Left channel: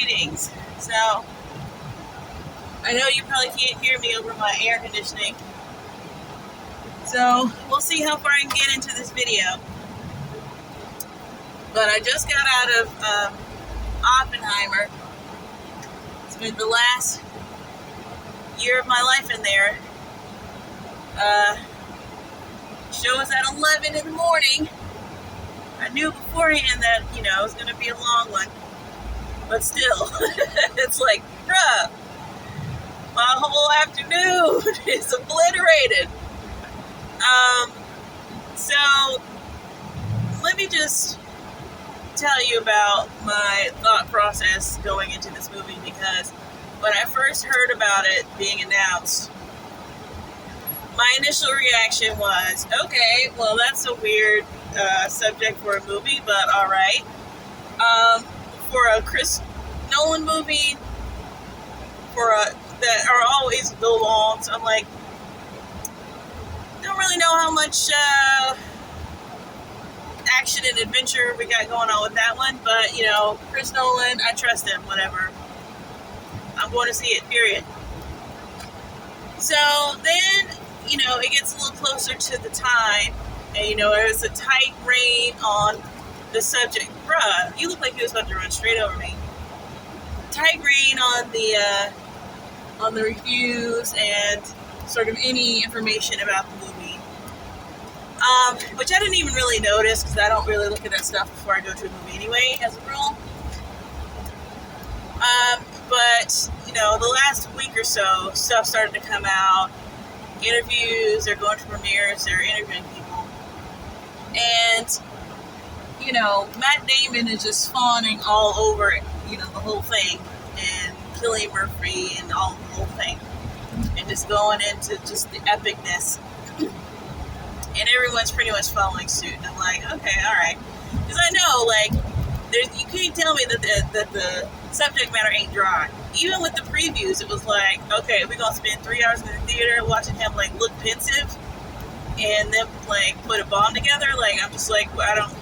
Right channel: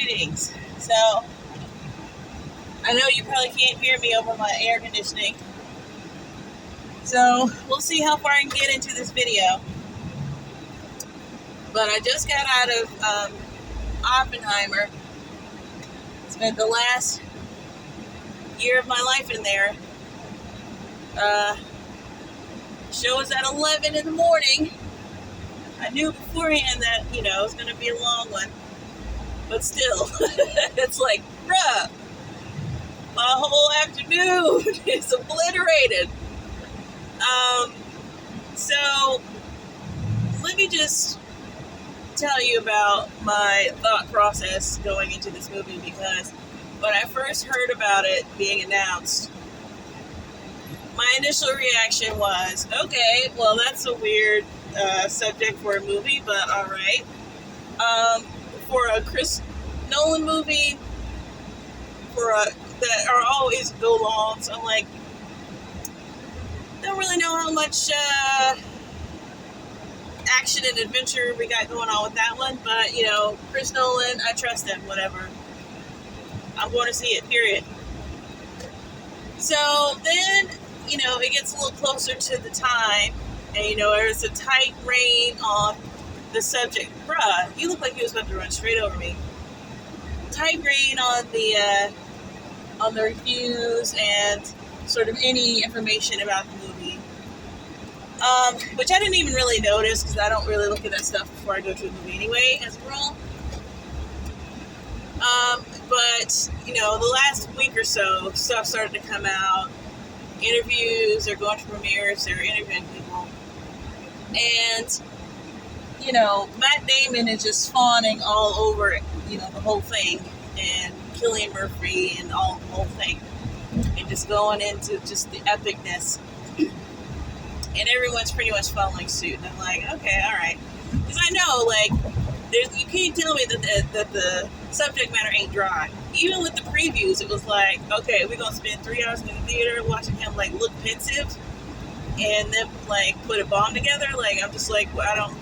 Greetings. So, I know you probably can't hear me over my air conditioning. So, we'll see how far I can get into this video. But I just got out of Oppenheimer. Spent the last year of my life in there. Show was at 11 in the morning. I knew beforehand that, it was going to be a long one. But still, it's like, bruh, my whole afternoon is obliterated. So, let me just tell you about my thought process going into this movie, because when I first heard about it being announced, my initial reaction was, okay, well, that's a weird subject for a movie, but all right. For a Chris Nolan movie, that are always go long, so I'm like, don't really know how much action and adventure we got going on with that one, but Chris Nolan, I trust him, whatever. I'm going to see it, period. So then, it gets a little closer to the time, and there's a tight rein on the subject. Bruh, you look like you was about to run straight over me. Tight rein on the reviews and sort of any information about the movie, which I didn't even really notice, because I don't really look at that stuff before I go to a movie anyway, as a rule. But the last week or so, stuff started to come out. Interviews, they're going to premieres, they're interviewing people, and Matt Damon is just fawning all over it, the whole thing, and Cillian Murphy and the whole thing, and just going into just the epicness, and everyone's pretty much following suit. And I'm like, okay, all right, because I know, you can't tell me that the subject matter ain't dry. Even with the previews, it was like, okay, we're gonna spend 3 hours in the theater watching him look pensive, and then put a bomb together. I'm just like, well, I don't.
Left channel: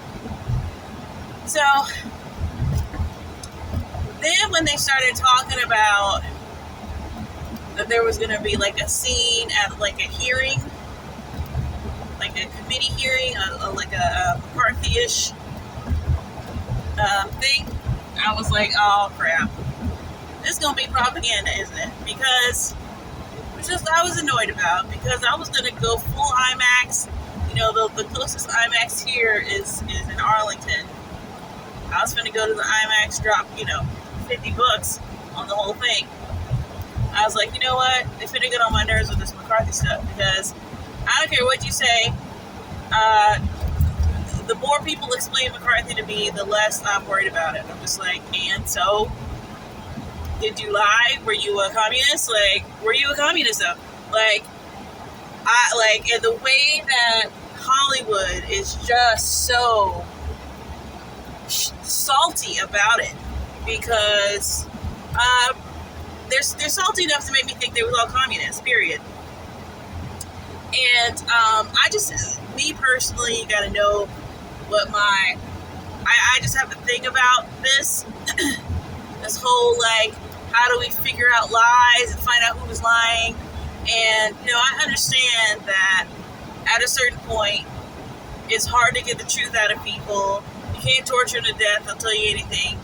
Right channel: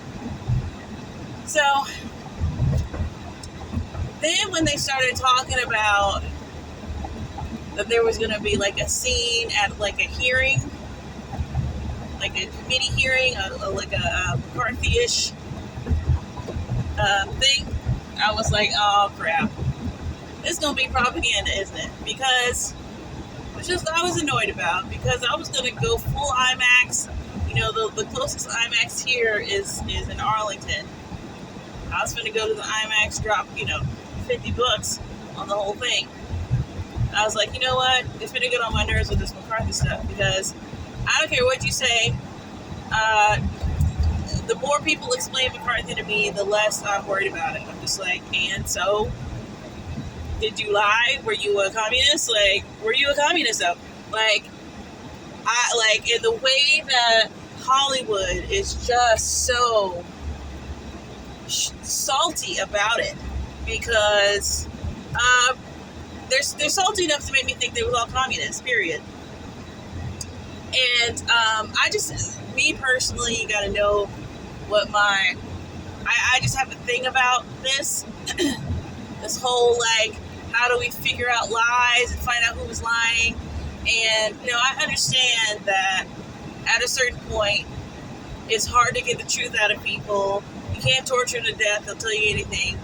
So then when they started talking about that there was going to be a scene at a hearing, a committee hearing, a McCarthy-ish thing, I was like, oh crap, this is going to be propaganda, isn't it? Because, I was annoyed about, because I was going to go full IMAX. The closest IMAX here is in Arlington. I was going to go to the IMAX, drop, $50 on the whole thing. I was like, you know what? It's going to get on my nerves with this McCarthy stuff, because I don't care what you say. The more people explain McCarthy to me, the less I'm worried about it. I'm just like, and so, did you lie? Were you a communist? Were you a communist though? And the way that Hollywood is just so salty about it, because they're salty enough to make me think they was all communists, period. And me personally, you gotta know what I just have a thing about this this whole how do we figure out lies and find out who's lying. And I understand that at a certain point it's hard to get the truth out of people. You can't torture them to death, they'll tell you anything.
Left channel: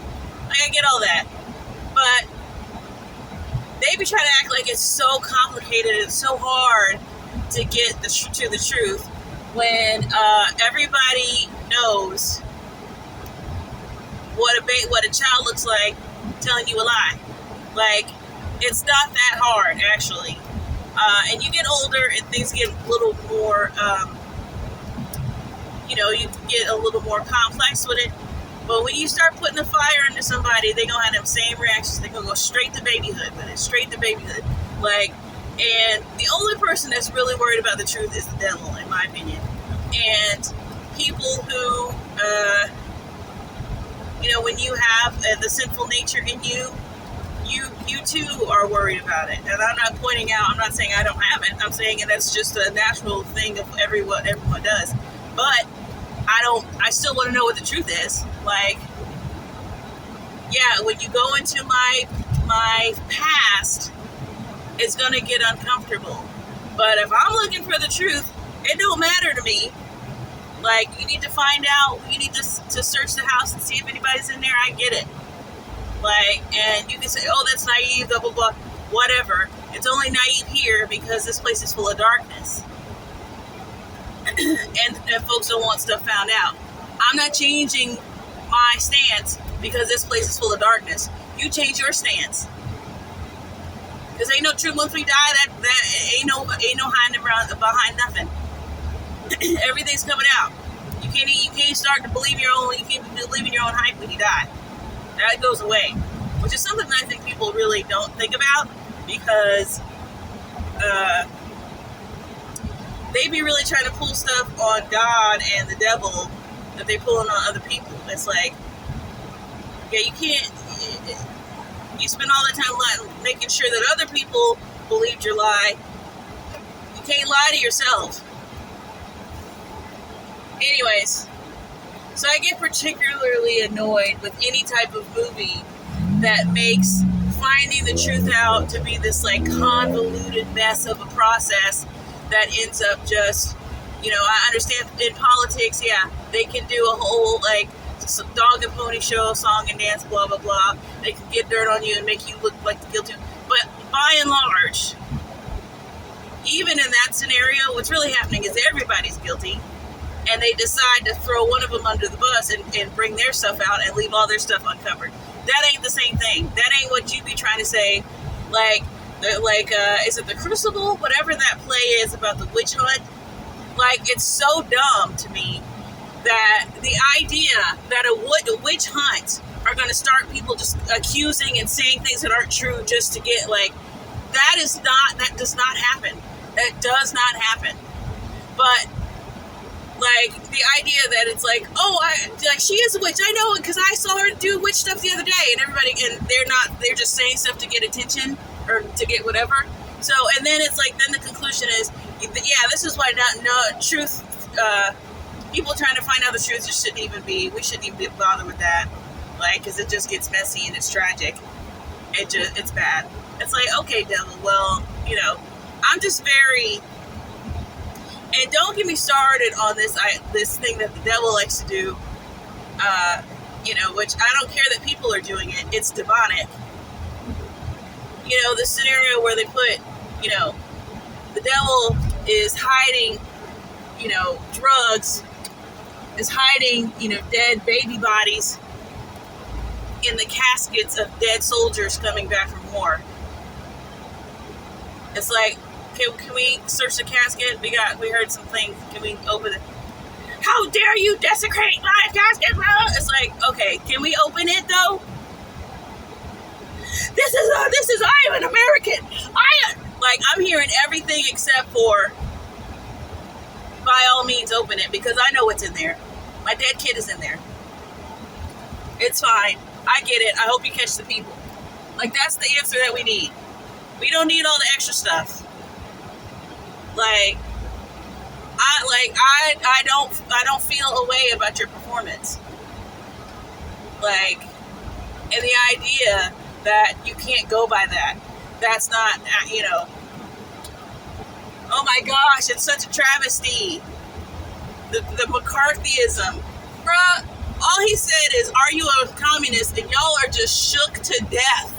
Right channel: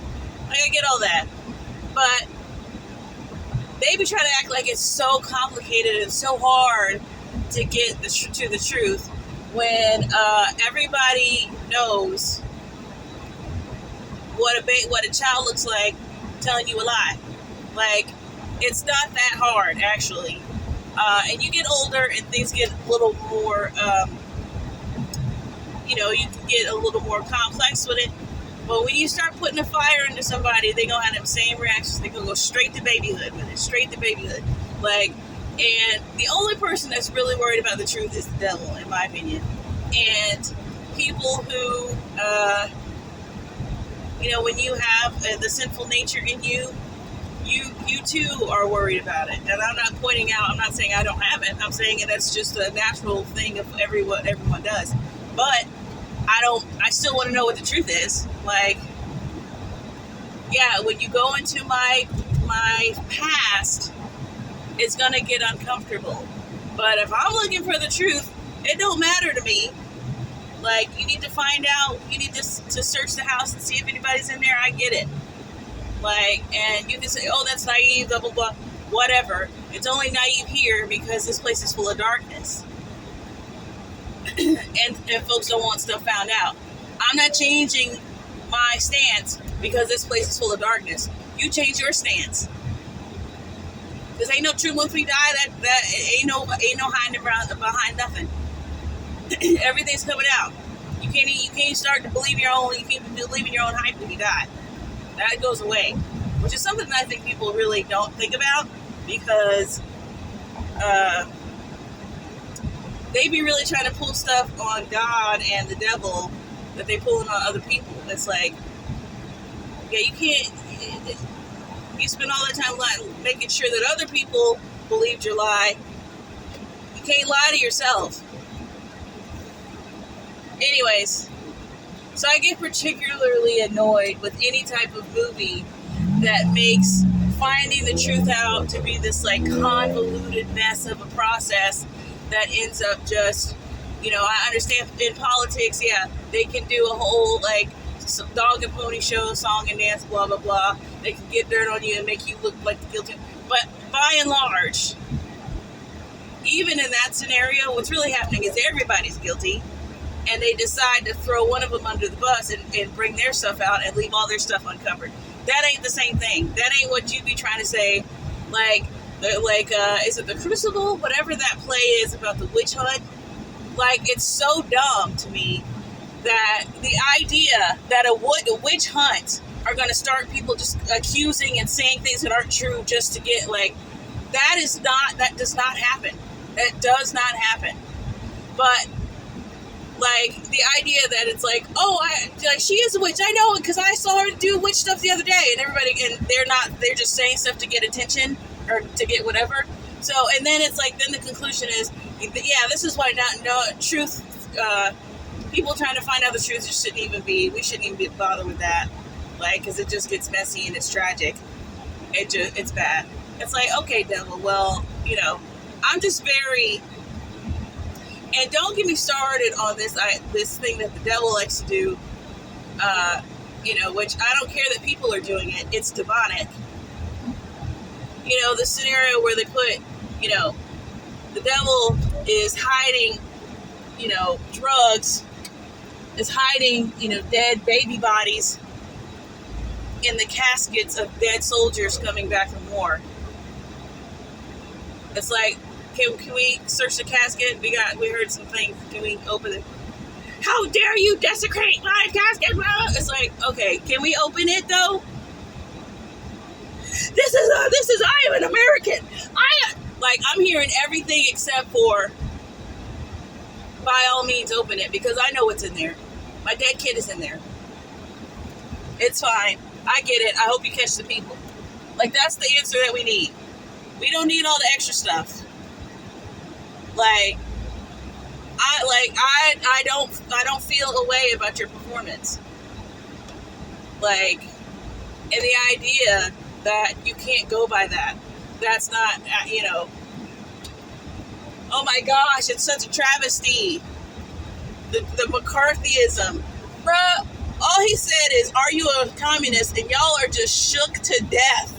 I get all that. But they be trying to act like it's so complicated and so hard to get to the truth, when everybody knows what a child looks like telling you a lie. It's not that hard, actually. And you get older and things get a little more, you can get a little more complex with it. But when you start putting a fire into somebody, they're going to have them same reactions. They're going to go straight to babyhood with it. Straight to babyhood. And the only person that's really worried about the truth is the devil, in my opinion. And people who, when you have the sinful nature in you, you too are worried about it. And I'm not pointing out, I'm not saying I don't have it. I'm saying that's just a natural thing of everyone does. But I still want to know what the truth is. yeah, when you go into my past, it's gonna get uncomfortable. But if I'm looking for the truth, it don't matter to me. Like, you need to find out, you need to search the house and see if anybody's in there. I get it. Like, and you can say, oh, that's naive, blah blah blah, whatever. It's only naive here because this place is full of darkness, and folks don't want stuff found out. I'm not changing my stance because this place is full of darkness. You change your stance. Because ain't no truth once we die. That ain't no hiding behind nothing. Everything's coming out. You can't start to believe your own. You can't believe in your own hype when you die. That goes away, which is something that I think people really don't think about, because they be really trying to pull stuff on God and the devil that they pulling on other people. It's like, yeah, you can't. You spend all the time making sure that other people believed your lie. You can't lie to yourself. Anyways, so I get particularly annoyed with any type of movie that makes finding the truth out to be this like convoluted mess of a process that ends up just, I understand in politics, yeah, they can do a whole like dog and pony show, song and dance, blah blah blah. They can get dirt on you and make you look like the guilty. But by and large, even in that scenario, what's really happening is everybody's guilty, and they decide to throw one of them under the bus and bring their stuff out and leave all their stuff uncovered. That ain't the same thing. That ain't what you be trying to say. Is it The Crucible? Whatever that play is about the witch hunt. Like, it's so dumb to me that the idea that a witch hunt are going to start people just accusing and saying things that aren't true just to get, like, that does not happen. That does not happen. But, like, the idea that it's like, oh, she is a witch. I know it because I saw her do witch stuff the other day, and they're just saying stuff to get attention or to get whatever. So, and then it's like, then the conclusion is, yeah, this is why truth, people trying to find out the truth we shouldn't even be bothered with that. Like, because it just gets messy and it's tragic. It's bad. It's like, okay, devil, well, I'm just very, and don't get me started on this thing that the devil likes to do, which I don't care that people are doing it. It's demonic. The scenario where they put, the devil is hiding, drugs, is hiding, dead baby bodies in the caskets of dead soldiers coming back from war. It's like, can we search the casket? We heard some things. Can we open it? How dare you desecrate my casket? It's like, okay, can we open it though? I am an American. I'm hearing everything except for, by all means, open it, because I know what's in there. My dead kid is in there. It's fine. I get it. I hope you catch the people. Like, that's the answer that we need. We don't need all the extra stuff. I don't feel a way about your performance. Like, and the idea that you can't go by that. That's not, oh my gosh, it's such a travesty. The McCarthyism. Bruh, all he said is, are you a communist? And y'all are just shook to death.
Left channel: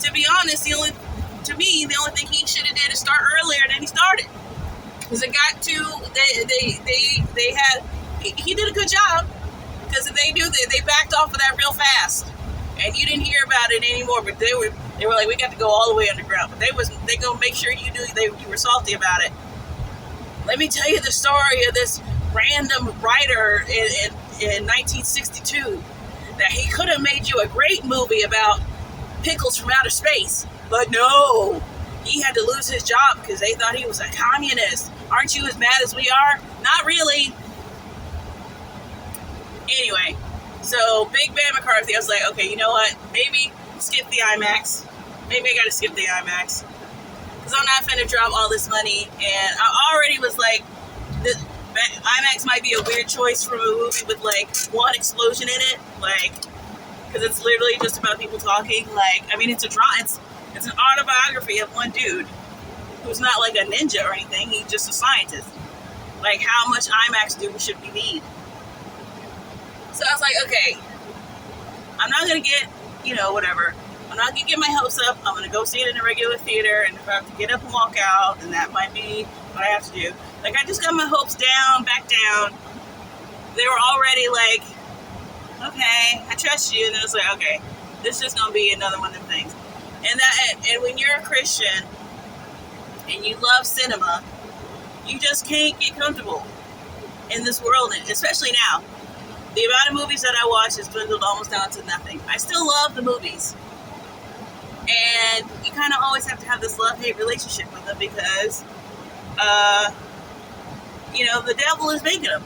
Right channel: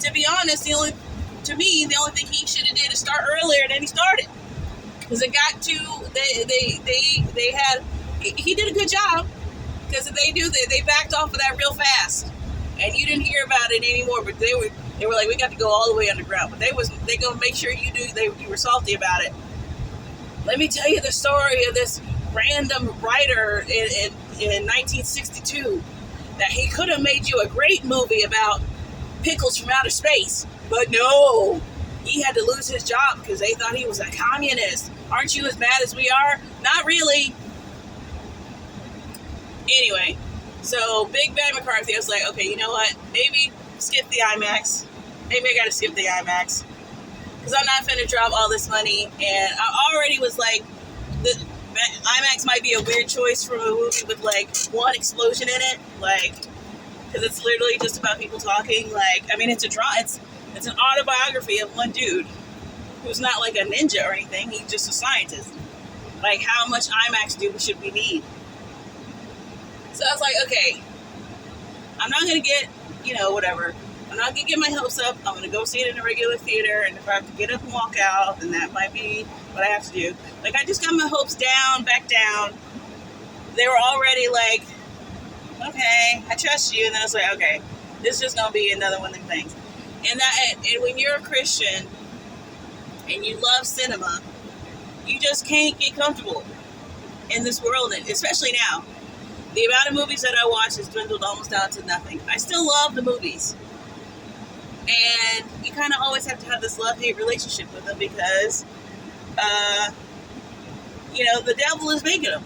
To be honest, the only thing he should have did is start earlier than he started. Because it got to, he did a good job. Because if they backed off of that real fast. And you didn't hear about it anymore, but they were like, we got to go all the way underground. But they gonna make sure you were salty about it. Let me tell you the story of this random writer in 1962, that he could have made you a great movie about pickles from outer space, but no, he had to lose his job because they thought he was a communist. Aren't you as mad as we are? Not really. Anyway, so Big Bad McCarthy, I was like, okay, you know what? Maybe skip the IMAX. Maybe I gotta skip the IMAX. Because I'm not finna drop all this money. And I already was like, IMAX might be a weird choice for a movie with like one explosion in it. Like, because it's literally just about people talking. Like, I mean, it's an autobiography of one dude who's not like a ninja or anything. He's just a scientist. Like, how much IMAX should we need? So I was like, okay, I'm not gonna get, whatever. I'm not gonna get my hopes up. I'm gonna go see it in a regular theater, and if I have to get up and walk out, then that might be what I have to do. Like, I just got my hopes back down. They were already like, okay, I trust you, and then I was like, okay, this is just gonna be another one of them things. And when you're a Christian and you love cinema, you just can't get comfortable in this world, especially now. The amount of movies that I watch has dwindled almost down to nothing. I still love the movies. And you kind of always have to have this love-hate relationship with them because, the devil is making them.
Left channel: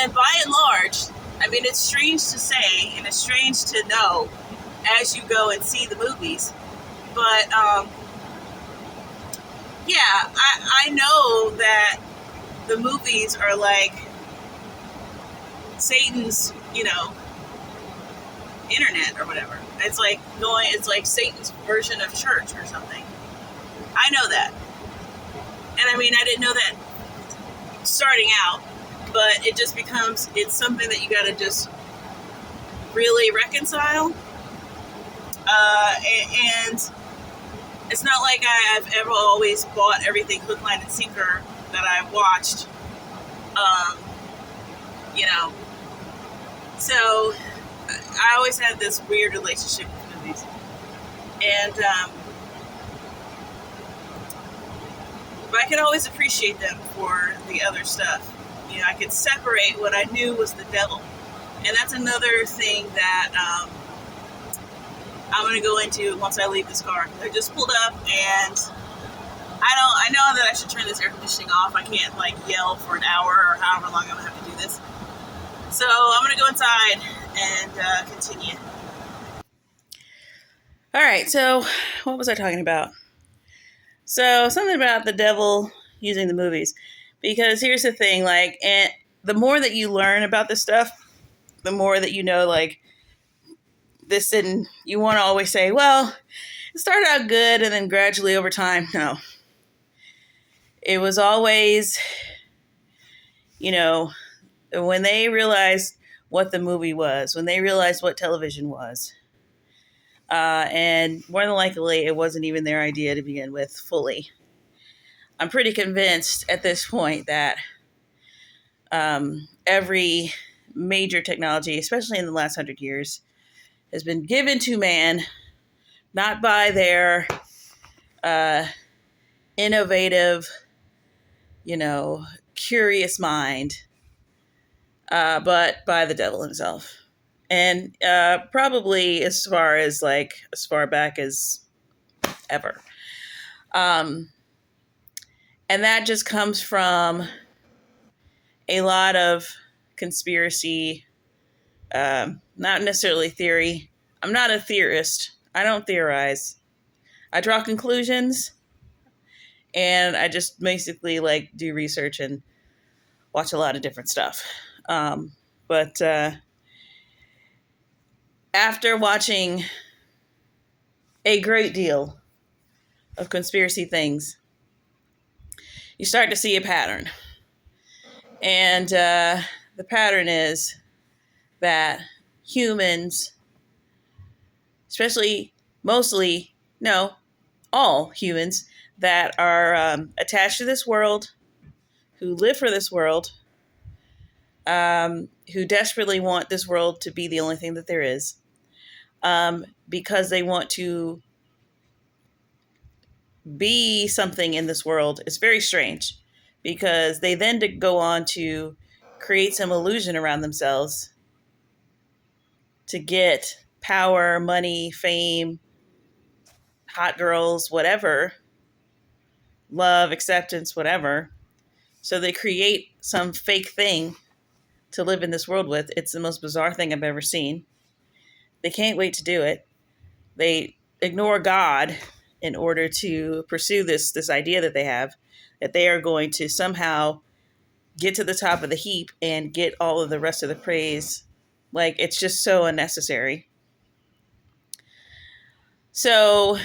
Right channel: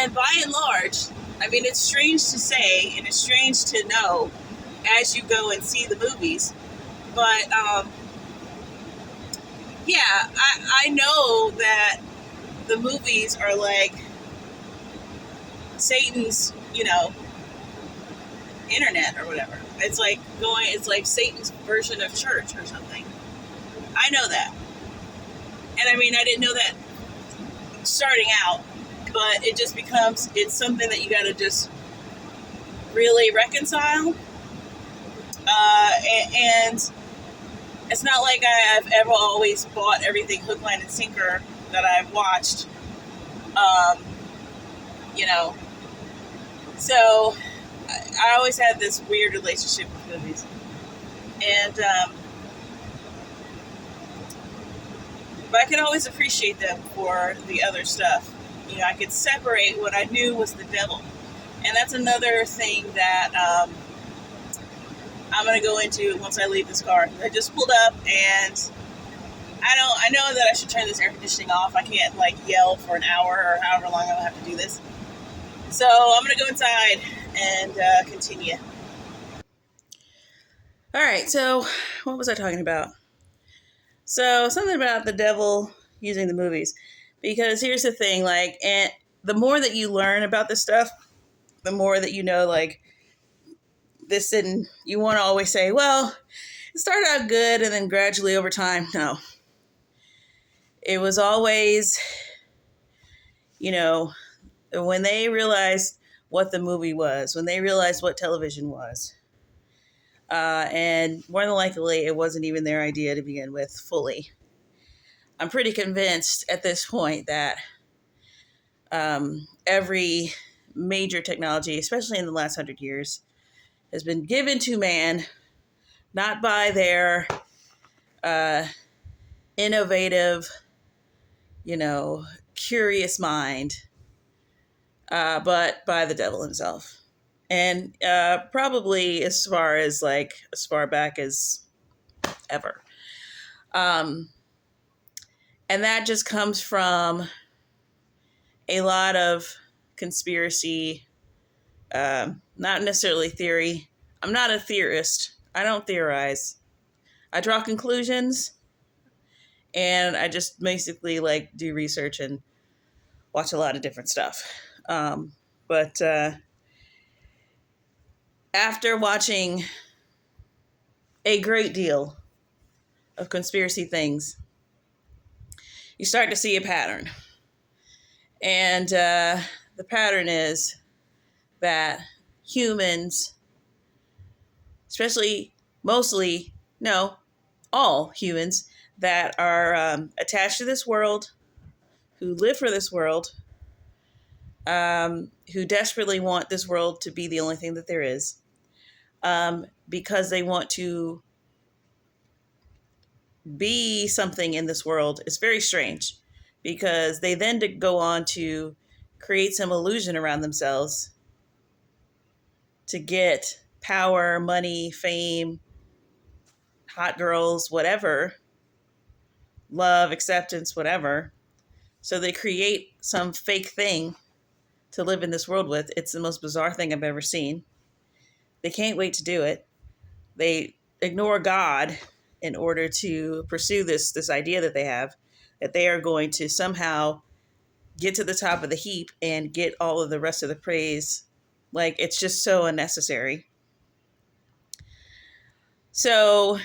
And by and large, I mean, it's strange to say and it's strange to know as you go and see the movies. But, I know that the movies are like Satan's, internet or whatever. It's like Satan's version of church or something. I know that. And I mean, I didn't know that starting out, but it just it's something that you got to just really reconcile. And it's not like I've ever always bought everything hook, line, and sinker that I've watched. So I always had this weird relationship with movies. And, but I can always appreciate them for the other stuff. I could separate what I knew was the devil. And that's another thing that I'm going to go into once I leave this car. I just pulled up and I know that I should turn this air conditioning off. I can't yell for an hour or however long I'm going to have to do this. So I'm going to go inside and continue. All right, so what was I talking about? So something about the devil using the movies. Because here's the thing, and the more that you learn about this stuff, the more that you know, this didn't, you want to always say, well, it started out good and then gradually over time. No. It was always, when they realized what the movie was, when they realized what television was, and more than likely, it wasn't even their idea to begin with fully. I'm pretty convinced at this point that every major technology, especially in the last 100 years, has been given to man, not by their innovative, curious mind, but by the devil himself. And probably as far back as ever. And that just comes from a lot of conspiracy, not necessarily theory. I'm not a theorist. I don't theorize. I draw conclusions, and I just basically do research and watch a lot of different stuff. But after watching a great deal of conspiracy things, you start to see a pattern. And the pattern is that humans, all humans that are attached to this world, who live for this world, who desperately want this world to be the only thing that there is, because they want to be something in this world. It's very strange because they then go on to create some illusion around themselves to get power, money, fame, hot girls, whatever, love, acceptance, whatever. So they create some fake thing to live in this world with. It's the most bizarre thing I've ever seen. They can't wait to do it. They ignore God in order to pursue this idea that they have, that they are going to somehow get to the top of the heap and get all of the rest of the praise Like, it's just so unnecessary. So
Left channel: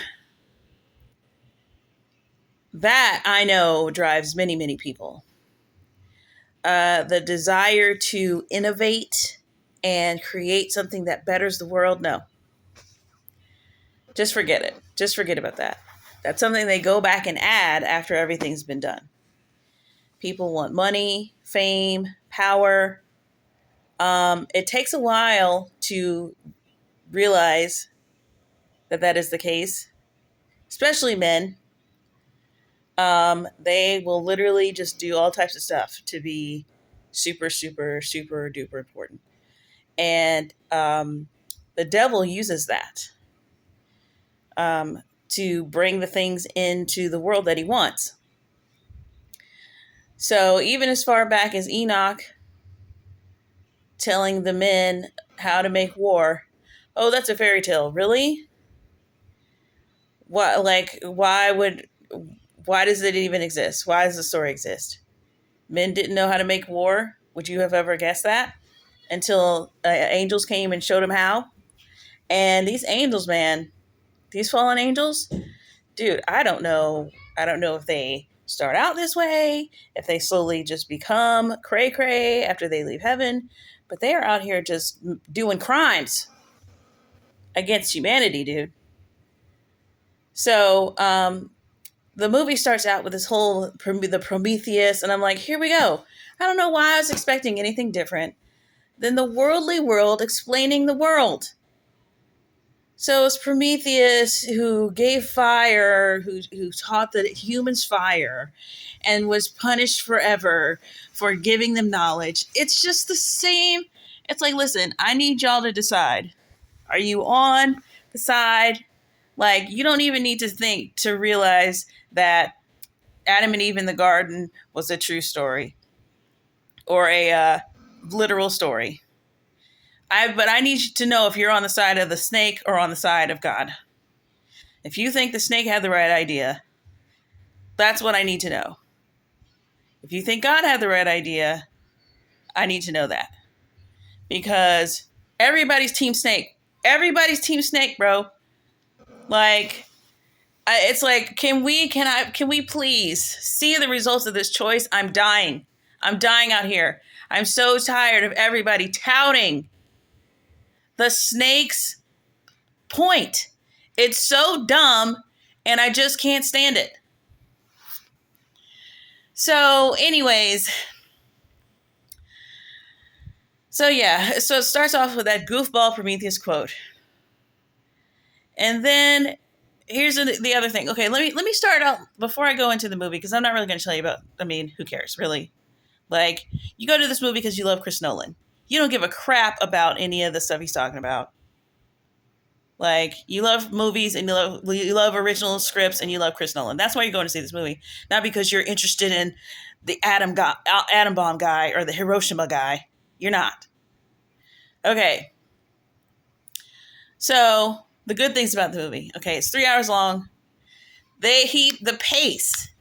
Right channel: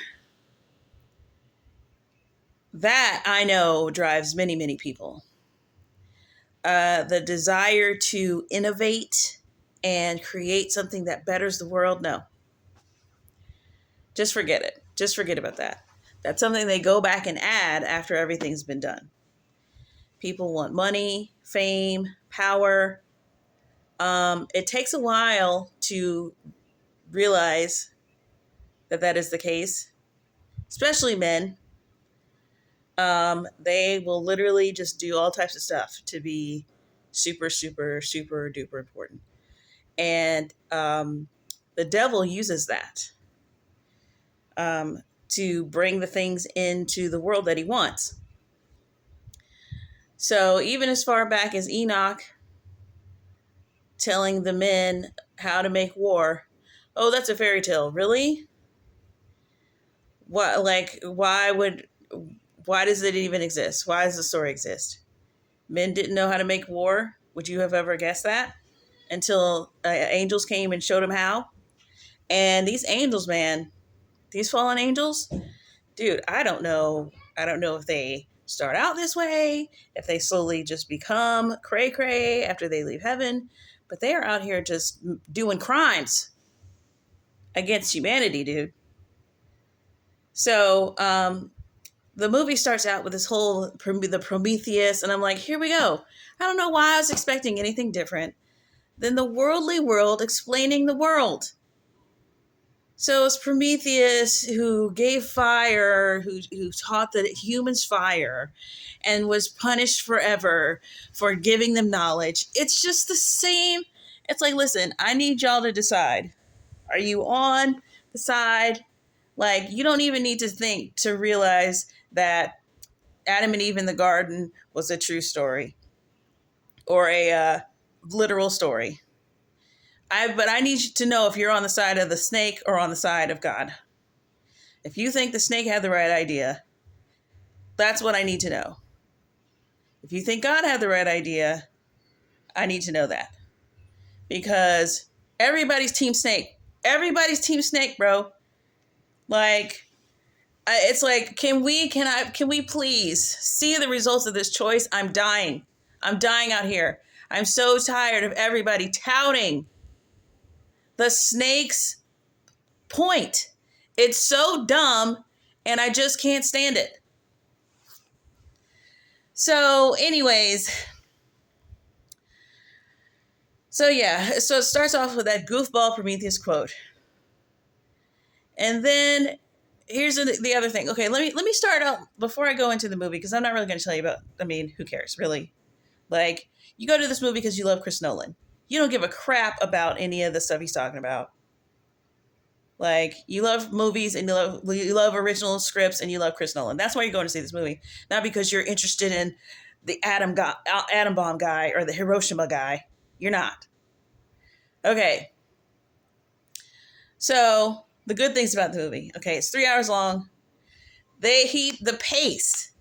that I know drives many, many people. The desire to innovate and create something that betters the world, no. Just forget it. Just forget about that. That's something they go back and add after everything's been done. People want money, fame, power. It takes a while to realize that that is the case, especially men. They will literally just do all types of stuff to be super, super, super duper important. And the devil uses that to bring the things into the world that he wants. So even as far back as Enoch telling the men how to make war, oh, that's a fairy tale. Really? What? Like, why does it even exist? Why does the story exist? Men didn't know how to make war. Would you have ever guessed that? Until angels came and showed them how. And these angels, man, these fallen angels, dude, I don't know. I don't know if they start out this way, if they slowly just become cray cray after they leave heaven, but they are out here just doing crimes against humanity, dude. So the movie starts out with this whole the Prometheus, and I'm like, here we go. I don't know why I was expecting anything different than the worldly world explaining the world. So it's Prometheus who gave fire, who taught the humans fire, and was punished forever for giving them knowledge. It's just the same. It's like, listen, I need y'all to decide. Are you on the side? Like, you don't even need to think to realize that Adam and Eve in the garden was a true story or a literal story. But I need you to know if you're on the side of the snake or on the side of God. If you think the snake had the right idea, that's what I need to know. If you think God had the right idea, I need to know that. Because everybody's team snake. Everybody's team snake, bro. Like, it's like, can we please see the results of this choice? I'm dying. I'm dying out here. I'm so tired of everybody touting the snake's point. It's so dumb, and I just can't stand it. So, anyways, so it starts off with that goofball Prometheus quote. And then here's the other thing. Okay, let me start out before I go into the movie, because I'm not really going to tell you about, who cares, really? Like, you go to this movie because you love Chris Nolan. You don't give a crap about any of the stuff he's talking about. Like, you love movies and you love original scripts and you love Chris Nolan. That's why you're going to see this movie. Not because you're interested in the atom bomb guy or the Hiroshima guy. You're not. Okay. So, the good things about the movie. Okay, it's 3 hours long. The pace.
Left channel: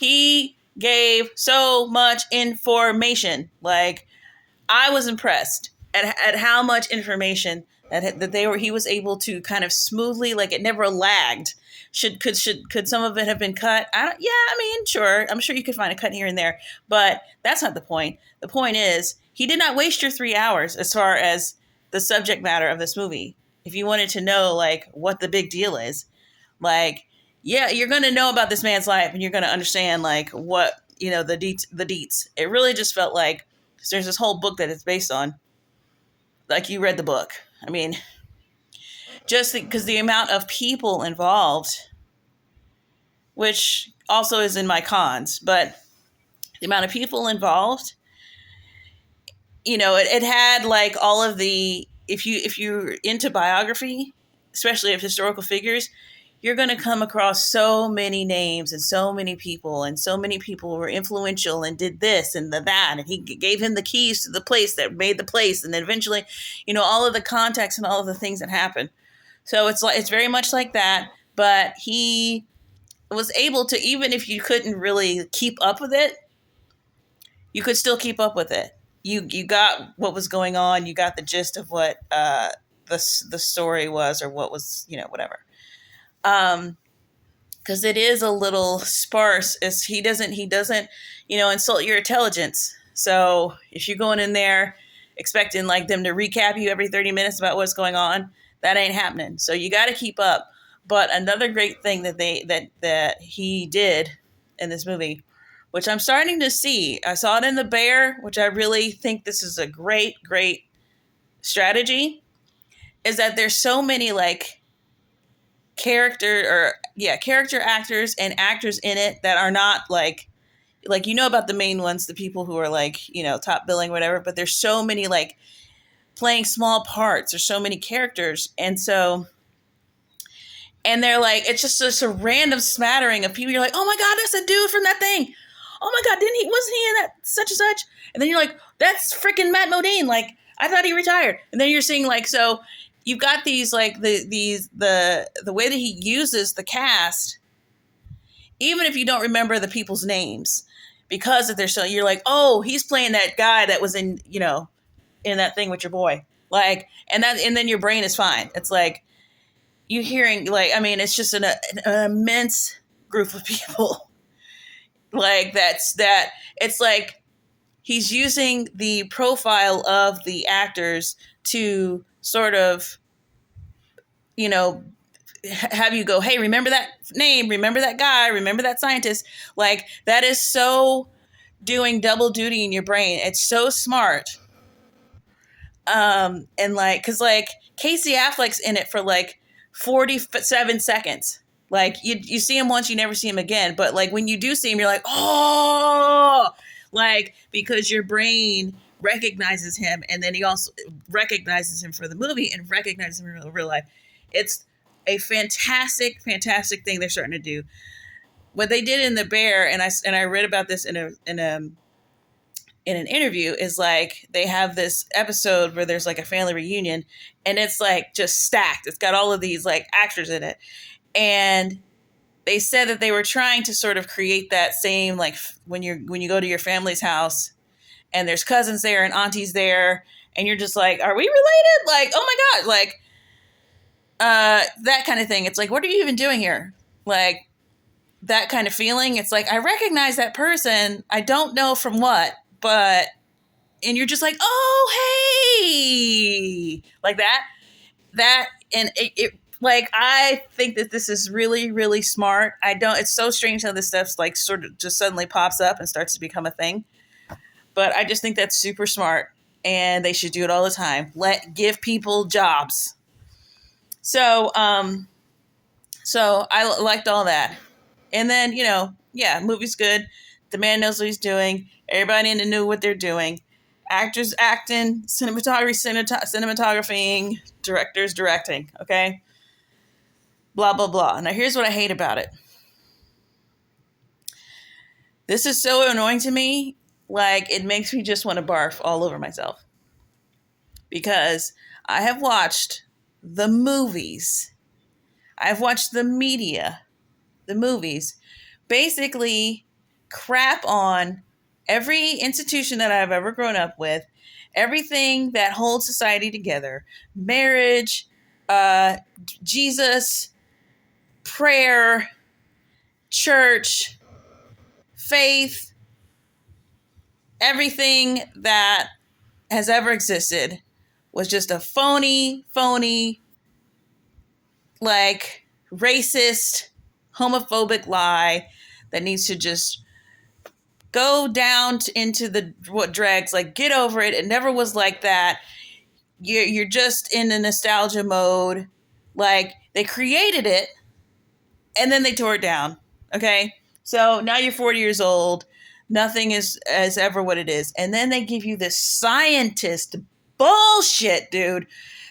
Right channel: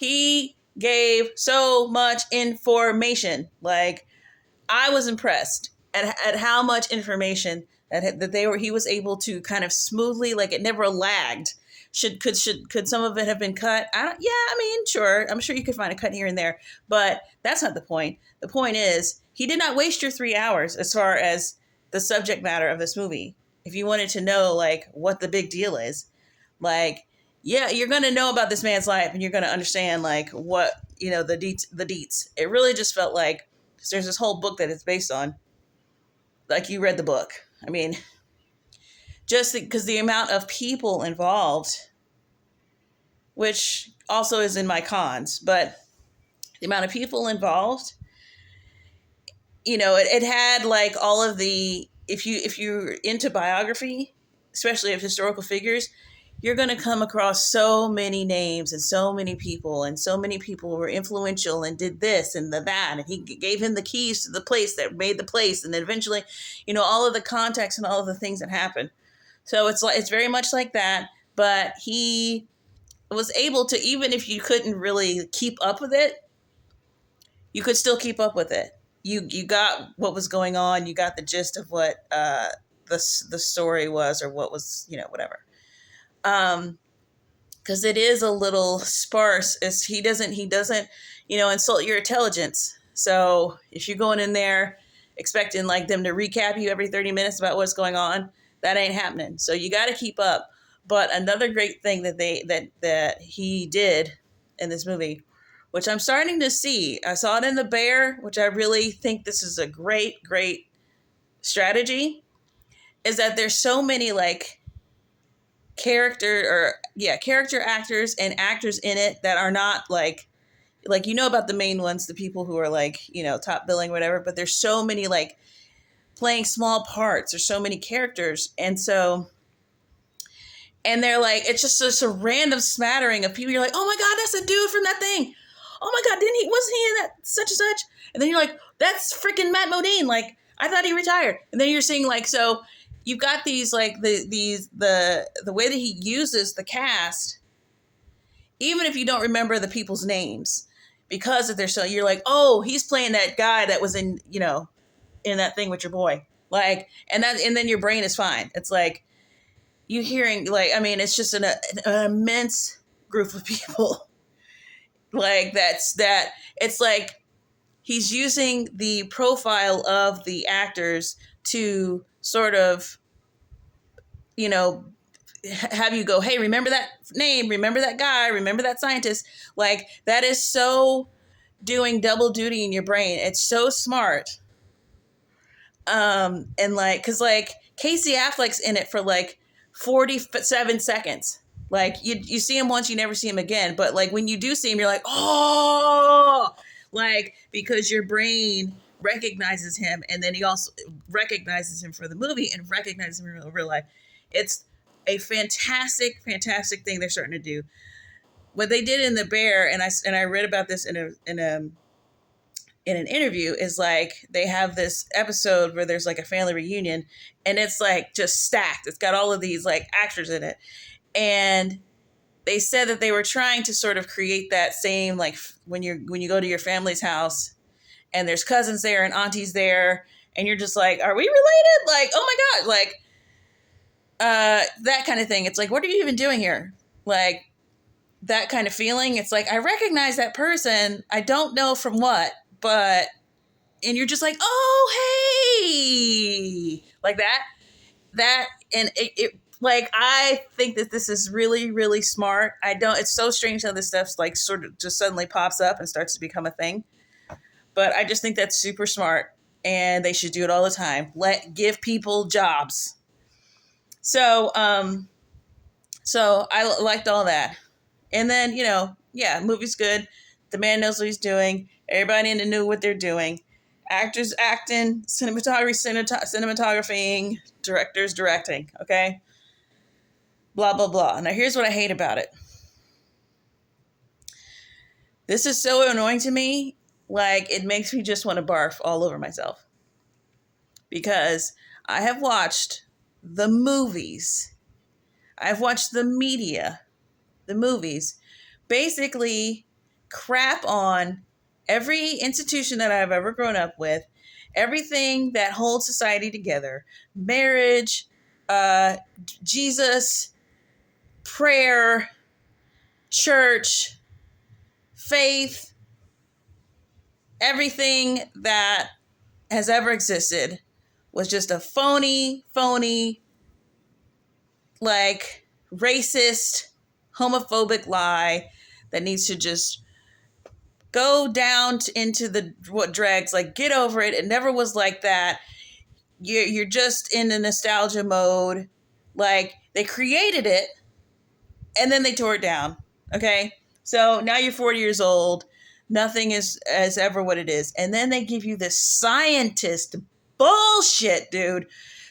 He gave so much information. Like, I was impressed at how much information that he was able to kind of smoothly, like, it never lagged. Could some of it have been cut? Sure. I'm sure you could find a cut here and there, but that's not the point. The point is, he did not waste your 3 hours as far as the subject matter of this movie. If you wanted to know, like, what the big deal is, like, yeah, you're going to know about this man's life and you're going to understand, like, what, the deets. It really just felt like, there's this whole book that it's based on. Like, you read the book. I mean, just because the amount of people involved, which also is in my cons, but the amount of people involved, it had, like, all of the, if you're into biography, especially of historical figures, you're going to come across so many names and so many people were influential and did this and that, and he gave him the keys to the place that made the place, and then eventually, all of the context and all of the things that happened. So it's very much like that, but he was able to, even if you couldn't really keep up with it, you could still keep up with it. you got what was going on. You got the gist of what the story was, or what was, whatever. Because it is a little sparse. Is he doesn't insult your intelligence. So if you're going in there expecting like them to recap you every 30 minutes about what's going on, that ain't happening. So you got to keep up. But another great thing that he did in this movie, which I'm starting to see, I saw it in The Bear, which I really think this is a great strategy, is that there's so many like character actors and actors in it that are not like about the main ones, the people who are like top billing, whatever. But there's so many like playing small parts. There's so many characters, and they're like, it's just a random smattering of people. You're like, oh my god, that's a dude from that thing. Oh my god, wasn't he in that such and such? And then you're like, that's freaking Matt Modine. Like, I thought he retired. And then you're seeing like, so you've got these like the way that he uses the cast, even if you don't remember the people's names, because if they're so, you're like, oh, he's playing that guy that was in in that thing with your boy, like, and then your brain is fine. It's like you hearing like, I mean, it's just an immense group of people like that. It's like he's using the profile of the actors to sort of have you go, hey, remember that name, remember that guy, remember that scientist. Like, that is so doing double duty in your brain. It's so smart. And like, cause like Casey Affleck's in it for like 47 seconds. Like you see him once, you never see him again. But like when you do see him, you're like, oh, like, because your brain recognizes him, and then he also recognizes him for the movie and recognizes him in real life. It's a fantastic thing they're starting to do. What they did in The Bear, and I read about this in an interview, is like they have this episode where there's like a family reunion, and it's like just stacked. It's got all of these like actors in it, and they said that they were trying to sort of create that same, like, when you go to your family's house and there's cousins there and aunties there, and you're just like, are we related? Like, oh my god, like that kind of thing. It's like, what are you even doing here? Like, that kind of feeling. It's like, I recognize that person. I don't know from what, but, and you're just like, oh, hey, like that. And it like, I think that this is really smart. It's so strange how this stuff's like sort of just suddenly pops up and starts to become a thing. But I just think that's super smart, and they should do it all the time. Give people jobs. So I liked all that. And then, movie's good. The man knows what he's doing. Everybody in it knew what they're doing. Actors acting, cinematographying, directors directing, okay? Blah, blah, blah. Now, here's what I hate about it. This is so annoying to me. Like, it makes me just want to barf all over myself. Because I have watched the movies. I've watched the media, the movies, basically crap on every institution that I've ever grown up with, everything that holds society together, marriage, Jesus, prayer, church, faith, everything that has ever existed was just a phony, like, racist, homophobic lie that needs to just go down into the what dregs. Like, get over it. It never was like that. You're just in a nostalgia mode. Like, they created it and then they tore it down. Okay, so now you're 40 years old. Nothing is as ever what it is, and then they give you this scientist bullshit, dude.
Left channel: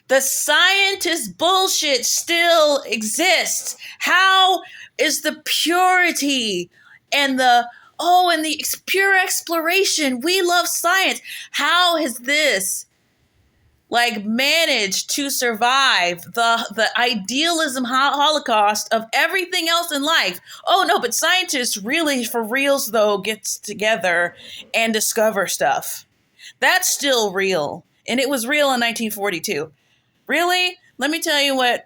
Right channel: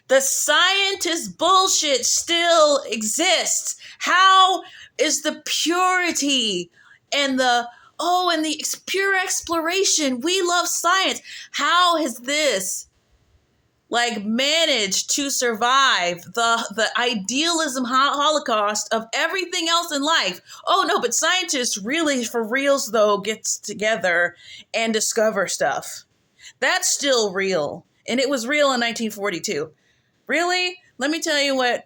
The scientist bullshit still exists. How is the purity and the pure exploration? We love science. How has this like managed to survive the idealism holocaust of everything else in life? Oh no, but scientists really, for reals though, gets together and discover stuff. That's still real. And it was real in 1942. Really? Let me tell you what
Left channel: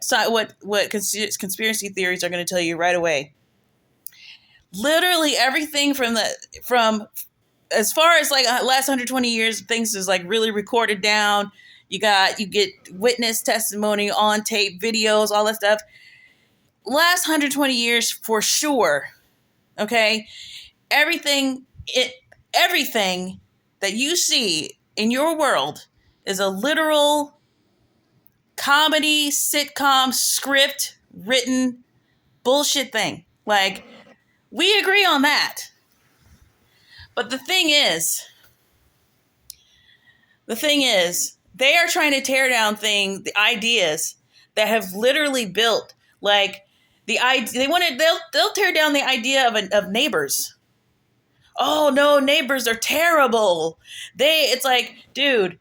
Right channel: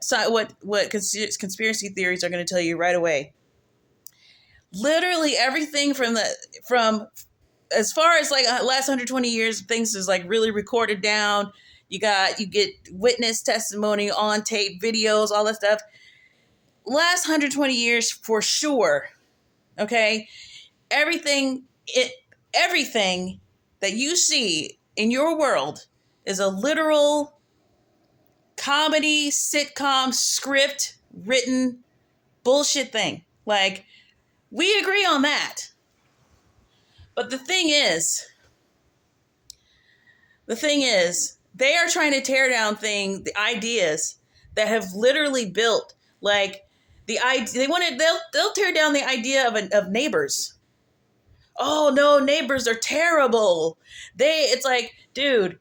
conspiracy theories are going to tell you right away. Literally everything from as far as like last 120 years, things is like really recorded down. You get witness testimony on tape, videos, all that stuff. Last 120 years for sure. Okay? Everything it everything that you see in your world is a literal comedy, sitcom, script, written bullshit thing. Like, we agree on that. But the thing is, they are trying to tear down the ideas that have literally built, like, they'll tear down the idea of neighbors. Oh no, neighbors are terrible. It's like, dude,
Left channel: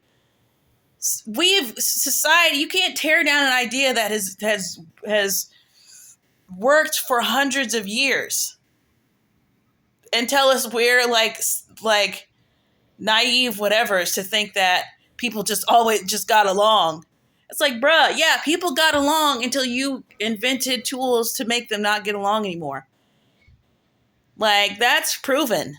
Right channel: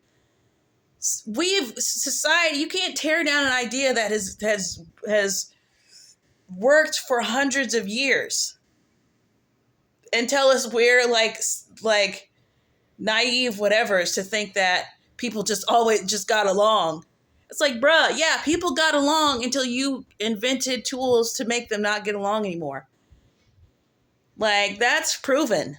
society, you can't tear down an idea that has worked for hundreds of years and tell us we're like naive whatevers to think that people just always just got along. It's like, bruh, yeah, people got along until you invented tools to make them not get along anymore. Like, that's proven.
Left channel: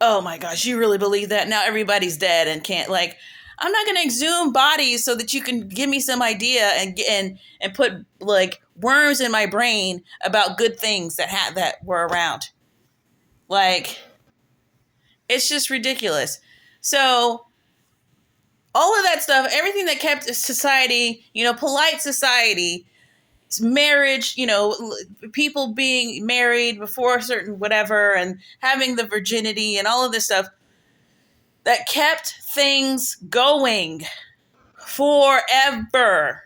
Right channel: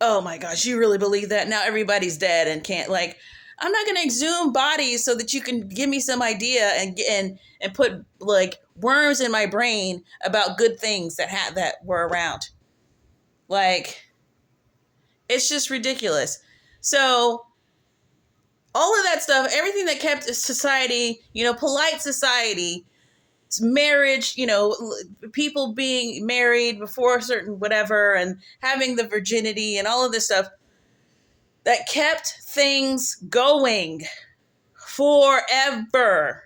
Oh my gosh, you really believe that? Now everybody's dead and can't, like, I'm not going to exhume bodies so that you can give me some idea and put like worms in my brain about good things that were around. Like, it's just ridiculous. So all of that stuff, everything that kept society, polite society, marriage, people being married before a certain whatever and having the virginity and all of this stuff that kept things going forever.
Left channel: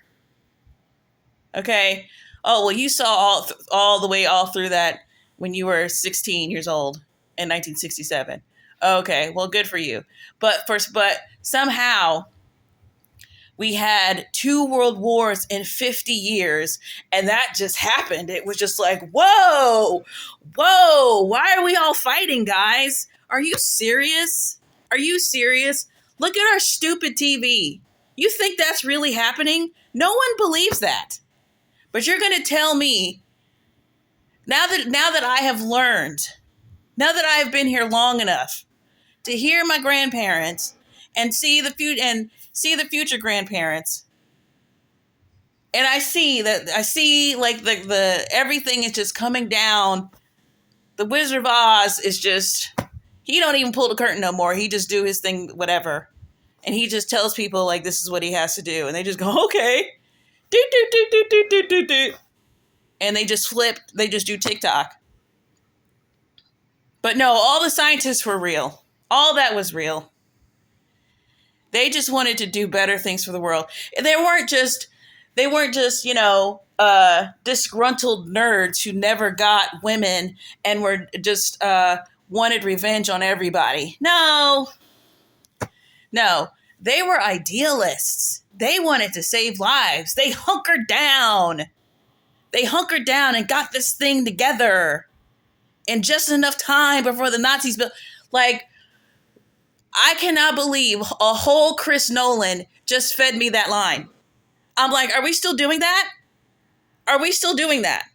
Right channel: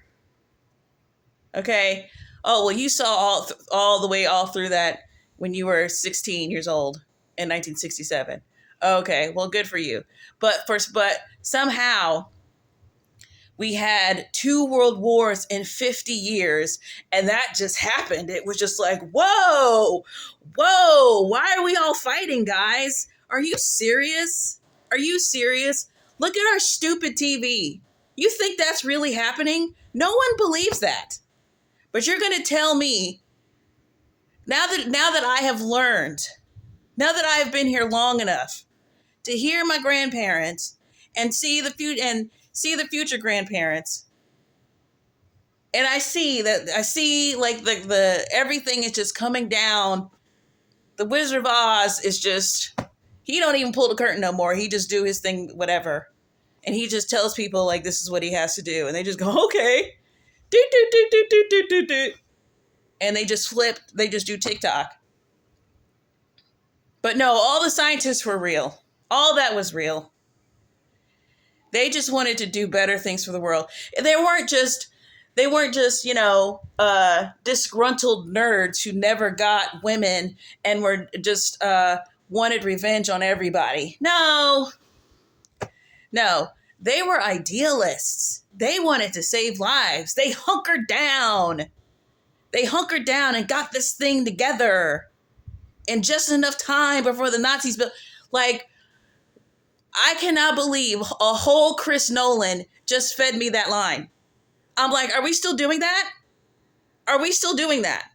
Okay. Oh, well, you saw all the way all through that when you were 16 years old in 1967. Okay, well, good for you. But somehow we had 2 world wars in 50 years, and that just happened. It was just like, whoa, why are we all fighting, guys? Are you serious? Are you serious? Look at our stupid TV. You think that's really happening? No one believes that. But you're going to tell me, now that I have learned, now that I have been here long enough to hear my grandparents and see the future grandparents, and I see like the everything is just coming down. The Wizard of Oz is just, he don't even pull the curtain no more. He just do his thing, whatever. And he just tells people like this is what he has to do. And they just go, okay. Do, do, do, do, do, do, do, do. And they just do TikTok. But no, all the scientists were real. All that was real. They just wanted to do better things for the world. They weren't just, disgruntled nerds who never got women and were just wanted revenge on everybody. No. They were idealists. They wanted to save lives. They hunkered down and got this thing together in just enough time before the Nazis built. Like, I cannot believe a whole Chris Nolan just fed me that line. I'm like, are we still doing that? Are we still doing that?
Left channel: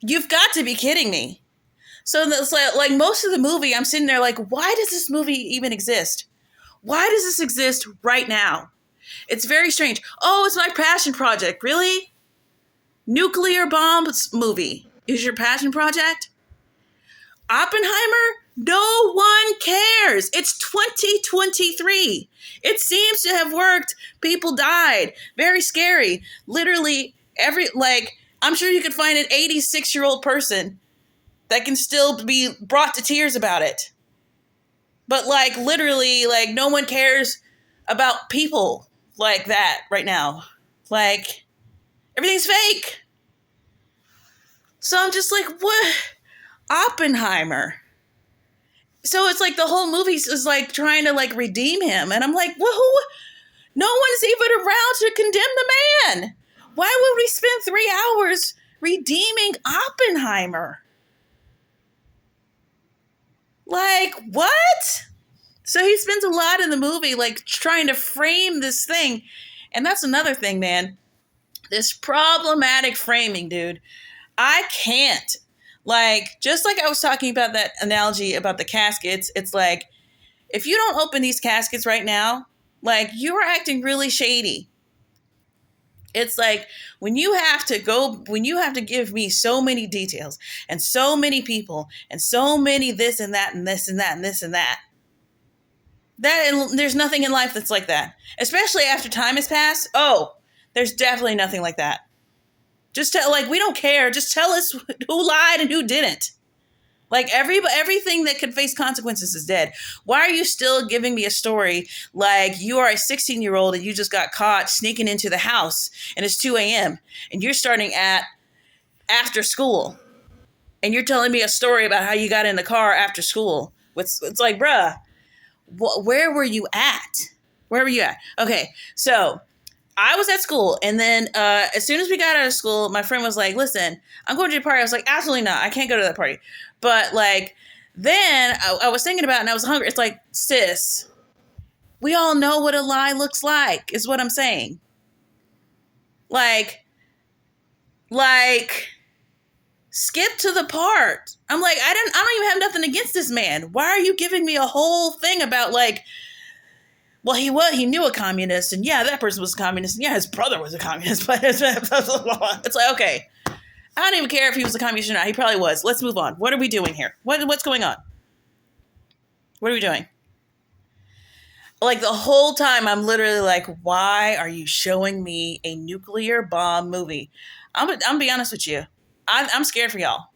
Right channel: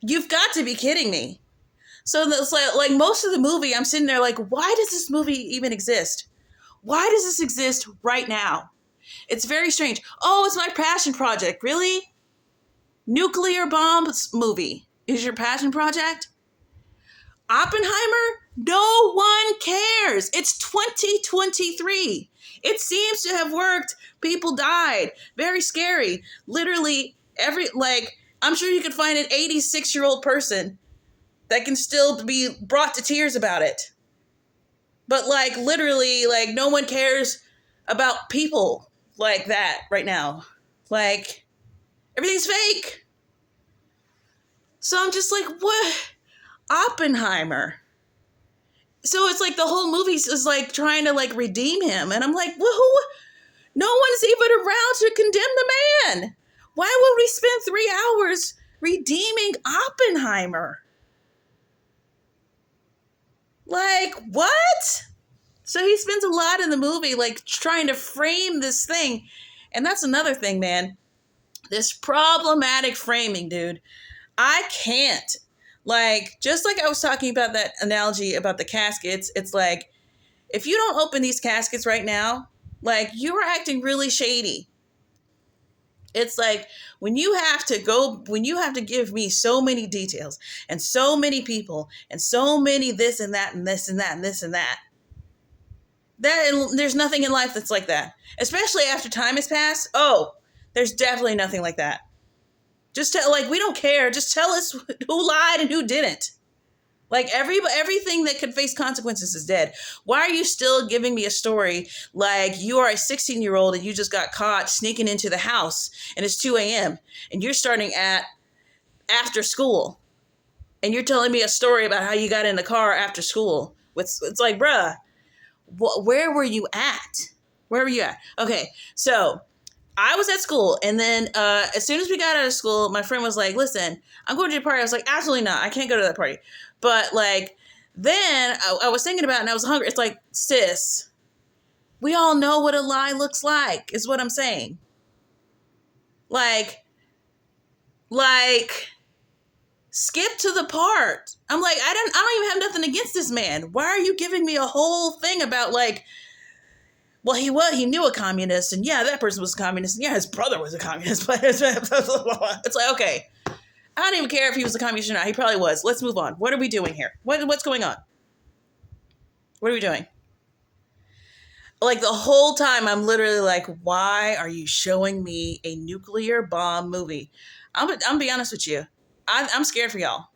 You've got to be kidding me. So it's like most of the movie, I'm sitting there like, why does this movie even exist? Why does this exist right now? It's very strange. Oh, it's my passion project. Really? Nuclear bombs movie is your passion project? Oppenheimer? No one cares. It's 2023. It seems to have worked. People died. Very scary. Literally I'm sure you could find an 86-year-old person that can still be brought to tears about it. But literally, no one cares about people like that right now. Like, everything's fake. So I'm just like, what? Oppenheimer. So it's like the whole movie is like trying to redeem him. And I'm like, well, no one's even around to condemn the man. Why would we spend 3 hours redeeming Oppenheimer? Like, what? So he spends a lot in the movie, like, trying to frame this thing. And that's another thing, man. This problematic framing, dude. I can't. Like, just like I was talking about that analogy about the caskets, it's like, if you don't open these caskets right now, like, you are acting really shady. It's like, when you have to give me so many details and so many people and so many this and that and this and that and this and that, there's nothing in life that's like that. Especially after time has passed. Oh, there's definitely nothing like that. Just tell, like, we don't care. Just tell us who lied and who didn't. Like, everything that could face consequences is dead. Why are you still giving me a story like you are a 16-year-old and you just got caught sneaking into the house and it's 2 a.m. and you're starting at after school and you're telling me a story about how you got in the car after school? It's like, bruh, where were you at? Where were you at? Okay, so I was at school, and then as soon as we got out of school, my friend was like, listen, I'm going to a party. I was like, absolutely not. I can't go to that party. But, like, then I was thinking about it, and I was hungry. It's like, sis, we all know what a lie looks like, is what I'm saying. Like, skip to the part. I'm like, I don't even have nothing against this man. Why are you giving me a whole thing about, like, well, he knew a communist, and yeah, that person was a communist, and yeah, his brother was a communist, but it's like, okay, I don't even care if he was a communist or not. He probably was. Let's move on. What are we doing here? What's going on? What are we doing? Like, the whole time, I'm literally like, why are you showing me a nuclear bomb movie? I'm gonna be honest with you. I'm scared for y'all.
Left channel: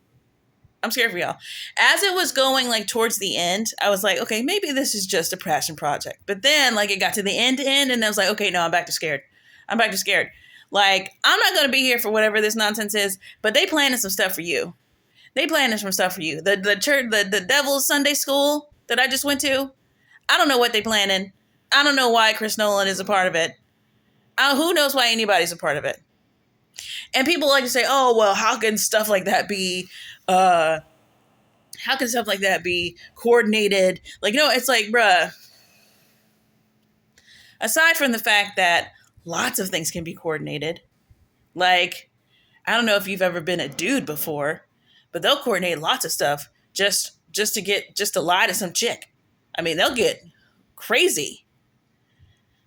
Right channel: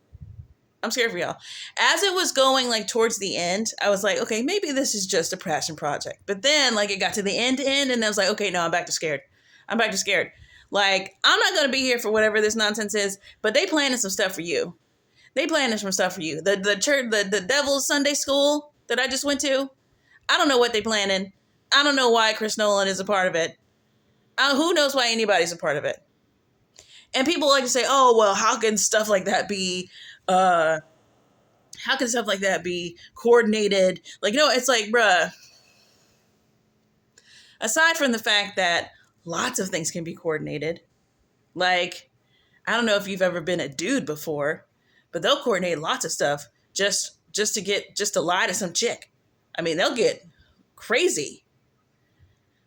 I'm scared for y'all. As it was going, like, towards the end, I was like, okay, maybe this is just a passion project. But then, like, it got to the end, and I was like, okay, no, I'm back to scared. I'm back to scared. Like, I'm not going to be here for whatever this nonsense is, but they planning some stuff for you. They planning some stuff for you. The church, the Devil's Sunday School that I just went to, I don't know what they planning. I don't know why Chris Nolan is a part of it. Who knows why anybody's a part of it? And people like to say, oh, well, how can stuff like that be coordinated? Like, it's like, bruh, aside from the fact that lots of things can be coordinated, like, I don't know if you've ever been a dude before, but they'll coordinate lots of stuff just to lie to some chick. I mean, they'll get crazy.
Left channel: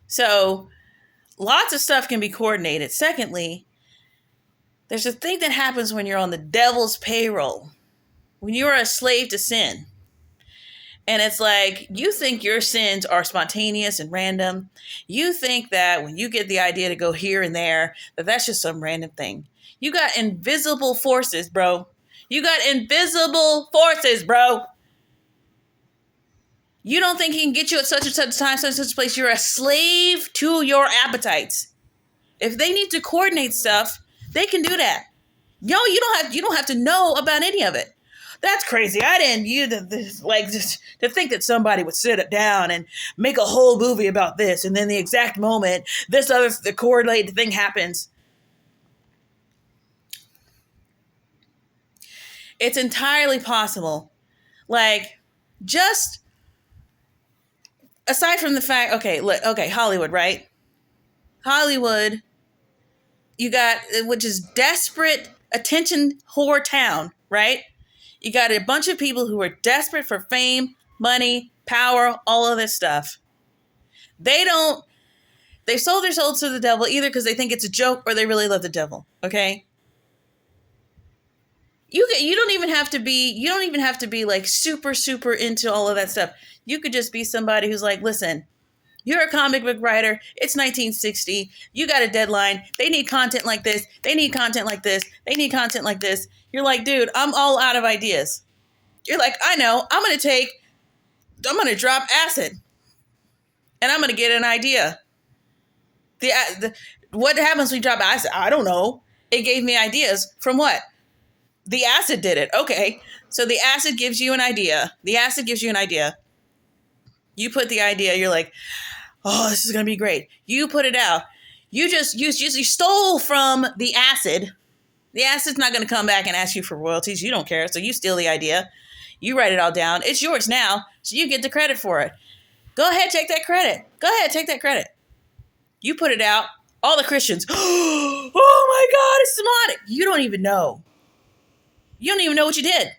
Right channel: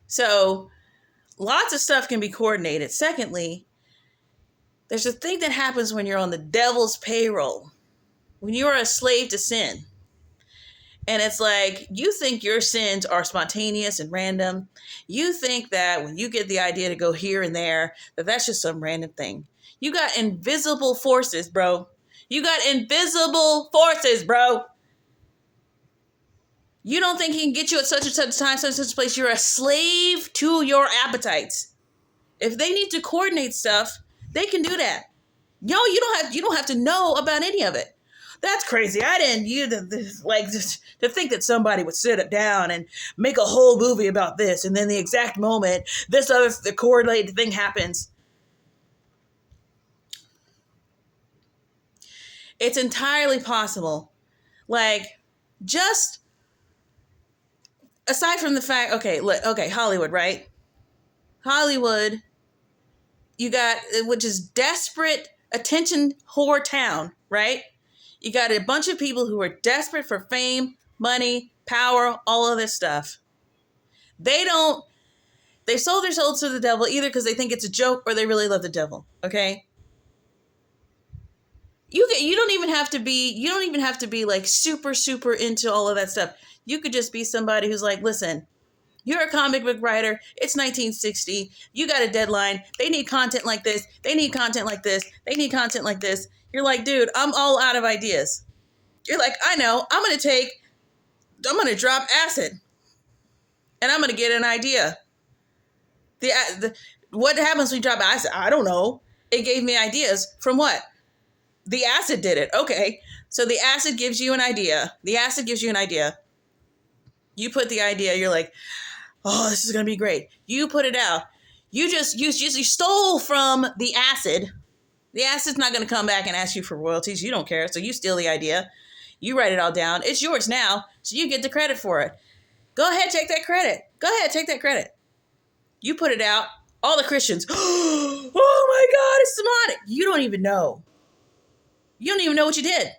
So lots of stuff can be coordinated. Secondly, there's a thing that happens when you're on the devil's payroll, when you are a slave to sin. And it's like, you think your sins are spontaneous and random. You think that when you get the idea to go here and there, that's just some random thing. You got invisible forces, bro. You got invisible forces, bro. You don't think he can get you at such and such time, such and such place. You're a slave to your appetites. If they need to coordinate stuff, they can do that. No, you don't have to know about any of it. That's crazy. I didn't just to think that somebody would sit it down and make a whole movie about this, and then the exact moment the correlated thing happens. It's entirely possible. Like, just aside from the fact, okay, Hollywood, right? Hollywood, you got, which is desperate attention whore town, right? You got a bunch of people who are desperate for fame, money, power, all of this stuff. They sold their souls to the devil either because they think it's a joke or they really love the devil. Okay. You don't even have to be like super, super into all of that stuff. You could just be somebody who's like, listen, you're a comic book writer. It's 1960. You got a deadline. They need content like this. They need content like this. They need content like this. You're like, dude, I'm all out of ideas. You're like, I know. I'm going to drop acid. And I'm going to get an idea. What happens when you drop acid? I don't know. It gave me ideas. From what? The acid did it. Okay. So the acid gives you an idea. You put the idea. You're like, oh, this is going to be great. You put it out. You stole from the acid. The acid's not going to come back and ask you for royalties. You don't care. So you steal the idea. You write it all down. It's yours now, so you get the credit for it. Go ahead, take that credit. Go ahead, take that credit. You put it out. All the Christians, oh my God, it's demonic. You don't even know. You don't even know what you did.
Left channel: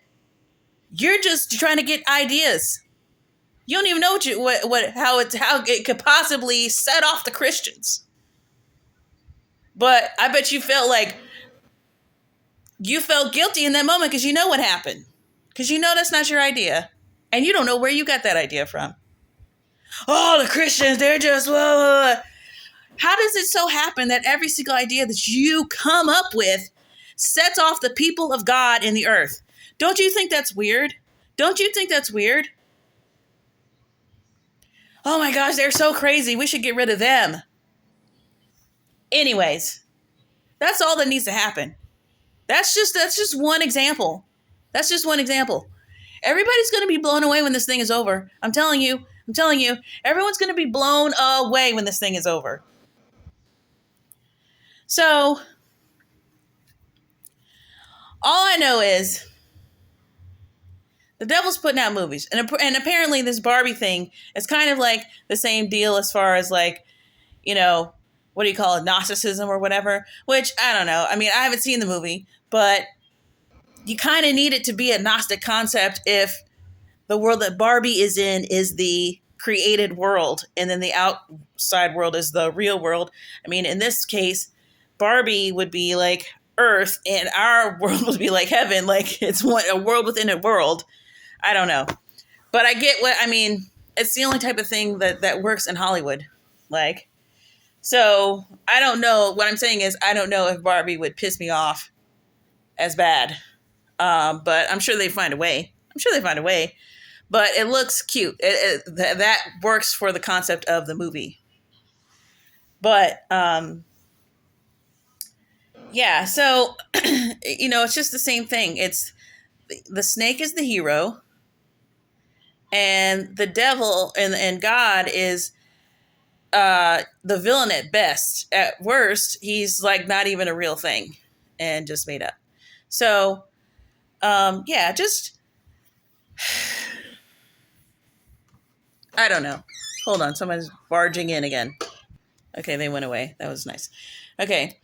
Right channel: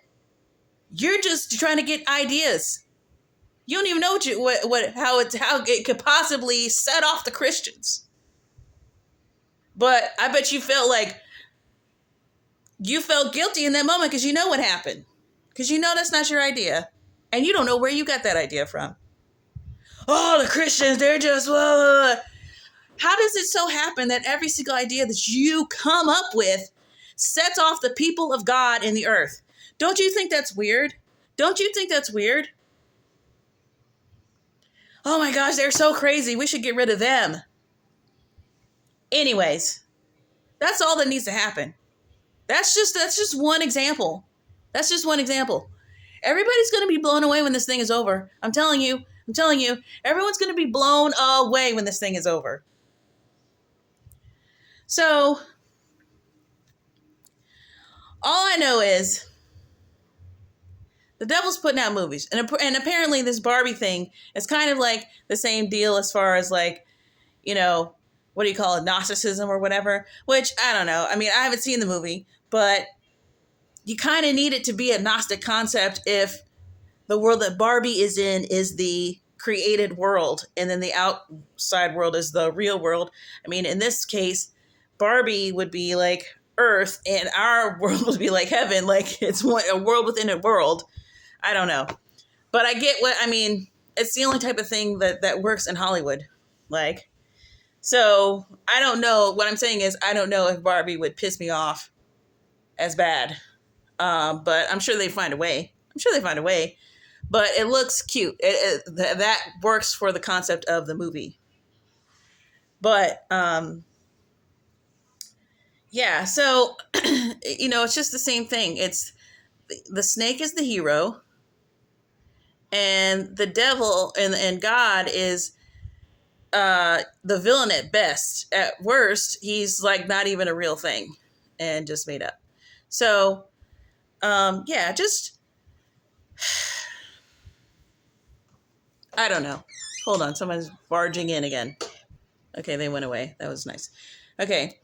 You're just trying to get ideas. You don't even know how it could possibly set off the Christians. But I bet you felt like you felt guilty in that moment because you know what happened. Because you know that's not your idea. And you don't know where you got that idea from. Oh, the Christians, they're just, blah, blah, blah. How does it so happen that every single idea that you come up with sets off the people of God in the earth? Don't you think that's weird? Don't you think that's weird? Oh my gosh, they're so crazy. We should get rid of them. Anyways, that's all that needs to happen. That's just one example. That's just one example. Everybody's going to be blown away when this thing is over. I'm telling you, everyone's going to be blown away when this thing is over. So, all I know is the devil's putting out movies. And apparently this Barbie thing is kind of like the same deal as far as like, you know, what do you call it? Gnosticism or whatever, which I don't know. I mean, I haven't seen the movie, but you kind of need it to be a Gnostic concept if the world that Barbie is in is the created world and then the outside world is the real world. I mean, in this case, Barbie would be like Earth and our world would be like heaven. Like it's a world within a world. I don't know. But I get what, I mean, it's the only type of thing that works in Hollywood. Like, so I don't know. What I'm saying is I don't know if Barbie would piss me off as bad. But I'm sure they find a way. But it looks cute. That works for the concept of the movie. But, yeah, so, you know, it's just the same thing. It's the snake is the hero and the devil and God is the villain at best. At worst, he's like not even a real thing and just made up. So, yeah, just, I don't know. Hold on. Someone's barging in again. Okay, they went away. That was nice. Okay.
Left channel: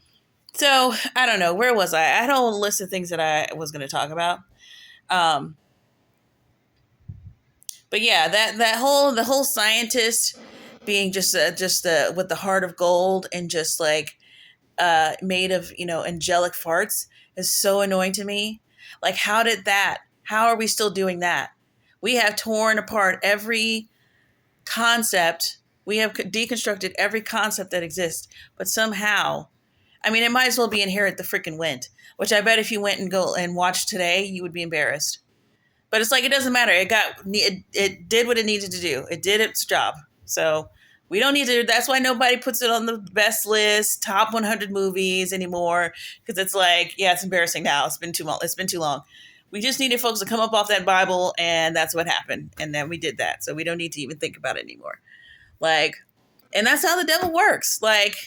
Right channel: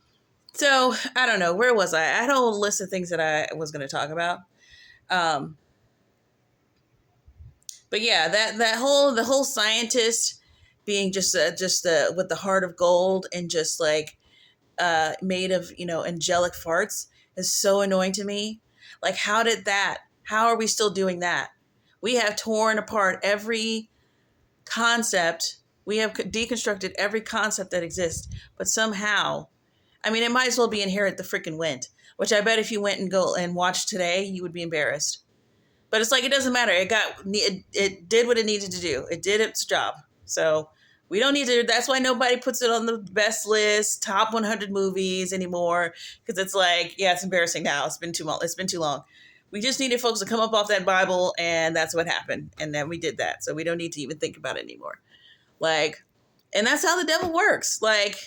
So, I don't know. Where was I? I had a whole list of things that I was going to talk about. But yeah, the whole scientist being just with the heart of gold and just like made of, you know, angelic farts is so annoying to me. Like, how are we still doing that? We have torn apart every concept. We have deconstructed every concept that exists, but somehow, I mean, it might as well be Inherit the freaking Wind, which I bet if you went and go and watched today, you would be embarrassed. But it's like, it doesn't matter. It did what it needed to do. It did its job. So we don't need to, that's why nobody puts it on the best list, top 100 movies anymore. Because it's like, yeah, it's embarrassing now. It's been too long. We just needed folks to come up off that Bible, and that's what happened. And then we did that. So we don't need to even think about it anymore. Like, and that's how the devil works. Like,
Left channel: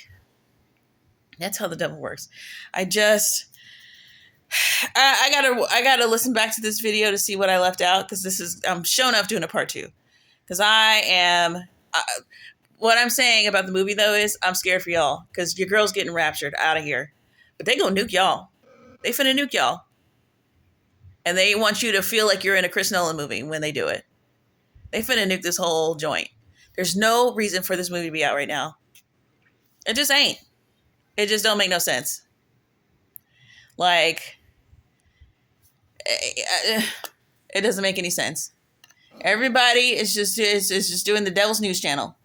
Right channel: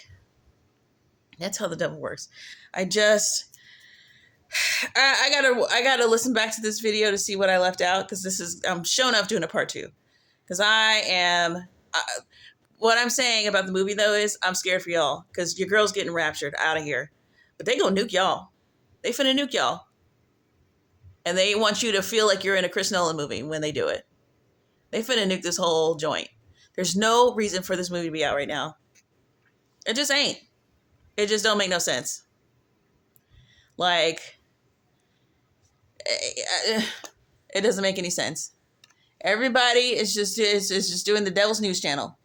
that's how the devil works. I gotta listen back to this video to see what I left out, because I'm showing up doing a part 2. Because what I'm saying about the movie though is I'm scared for y'all, because your girl's getting raptured out of here, but they gonna nuke y'all. They finna nuke y'all. And they want you to feel like you're in a Chris Nolan movie when they do it. They finna nuke this whole joint. There's no reason for this movie to be out right now. It just ain't. It just don't make no sense. Like, it doesn't make any sense. Everybody is just doing the devil's news channel.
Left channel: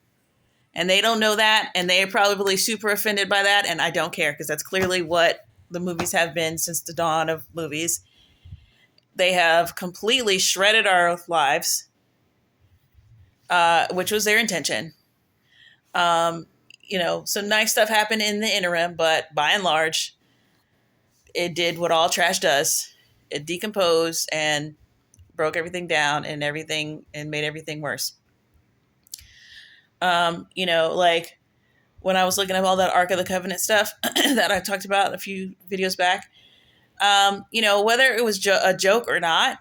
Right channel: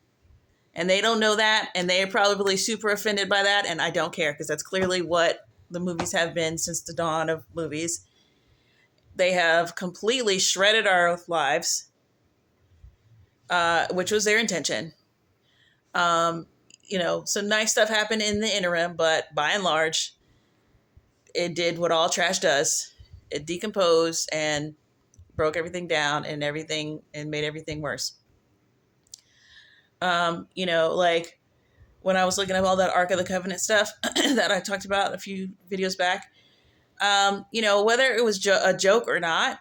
And they don't know that. And they're probably super offended by that. And I don't care, because that's clearly what the movies have been since the dawn of movies. They have completely shredded our lives, which was their intention. You know, some nice stuff happened in the interim, but by and large, it did what all trash does. It decomposed and broke everything down and made everything worse. You know, like when I was looking at all that Ark of the Covenant stuff that I talked about a few videos back, you know, whether it was a joke or not,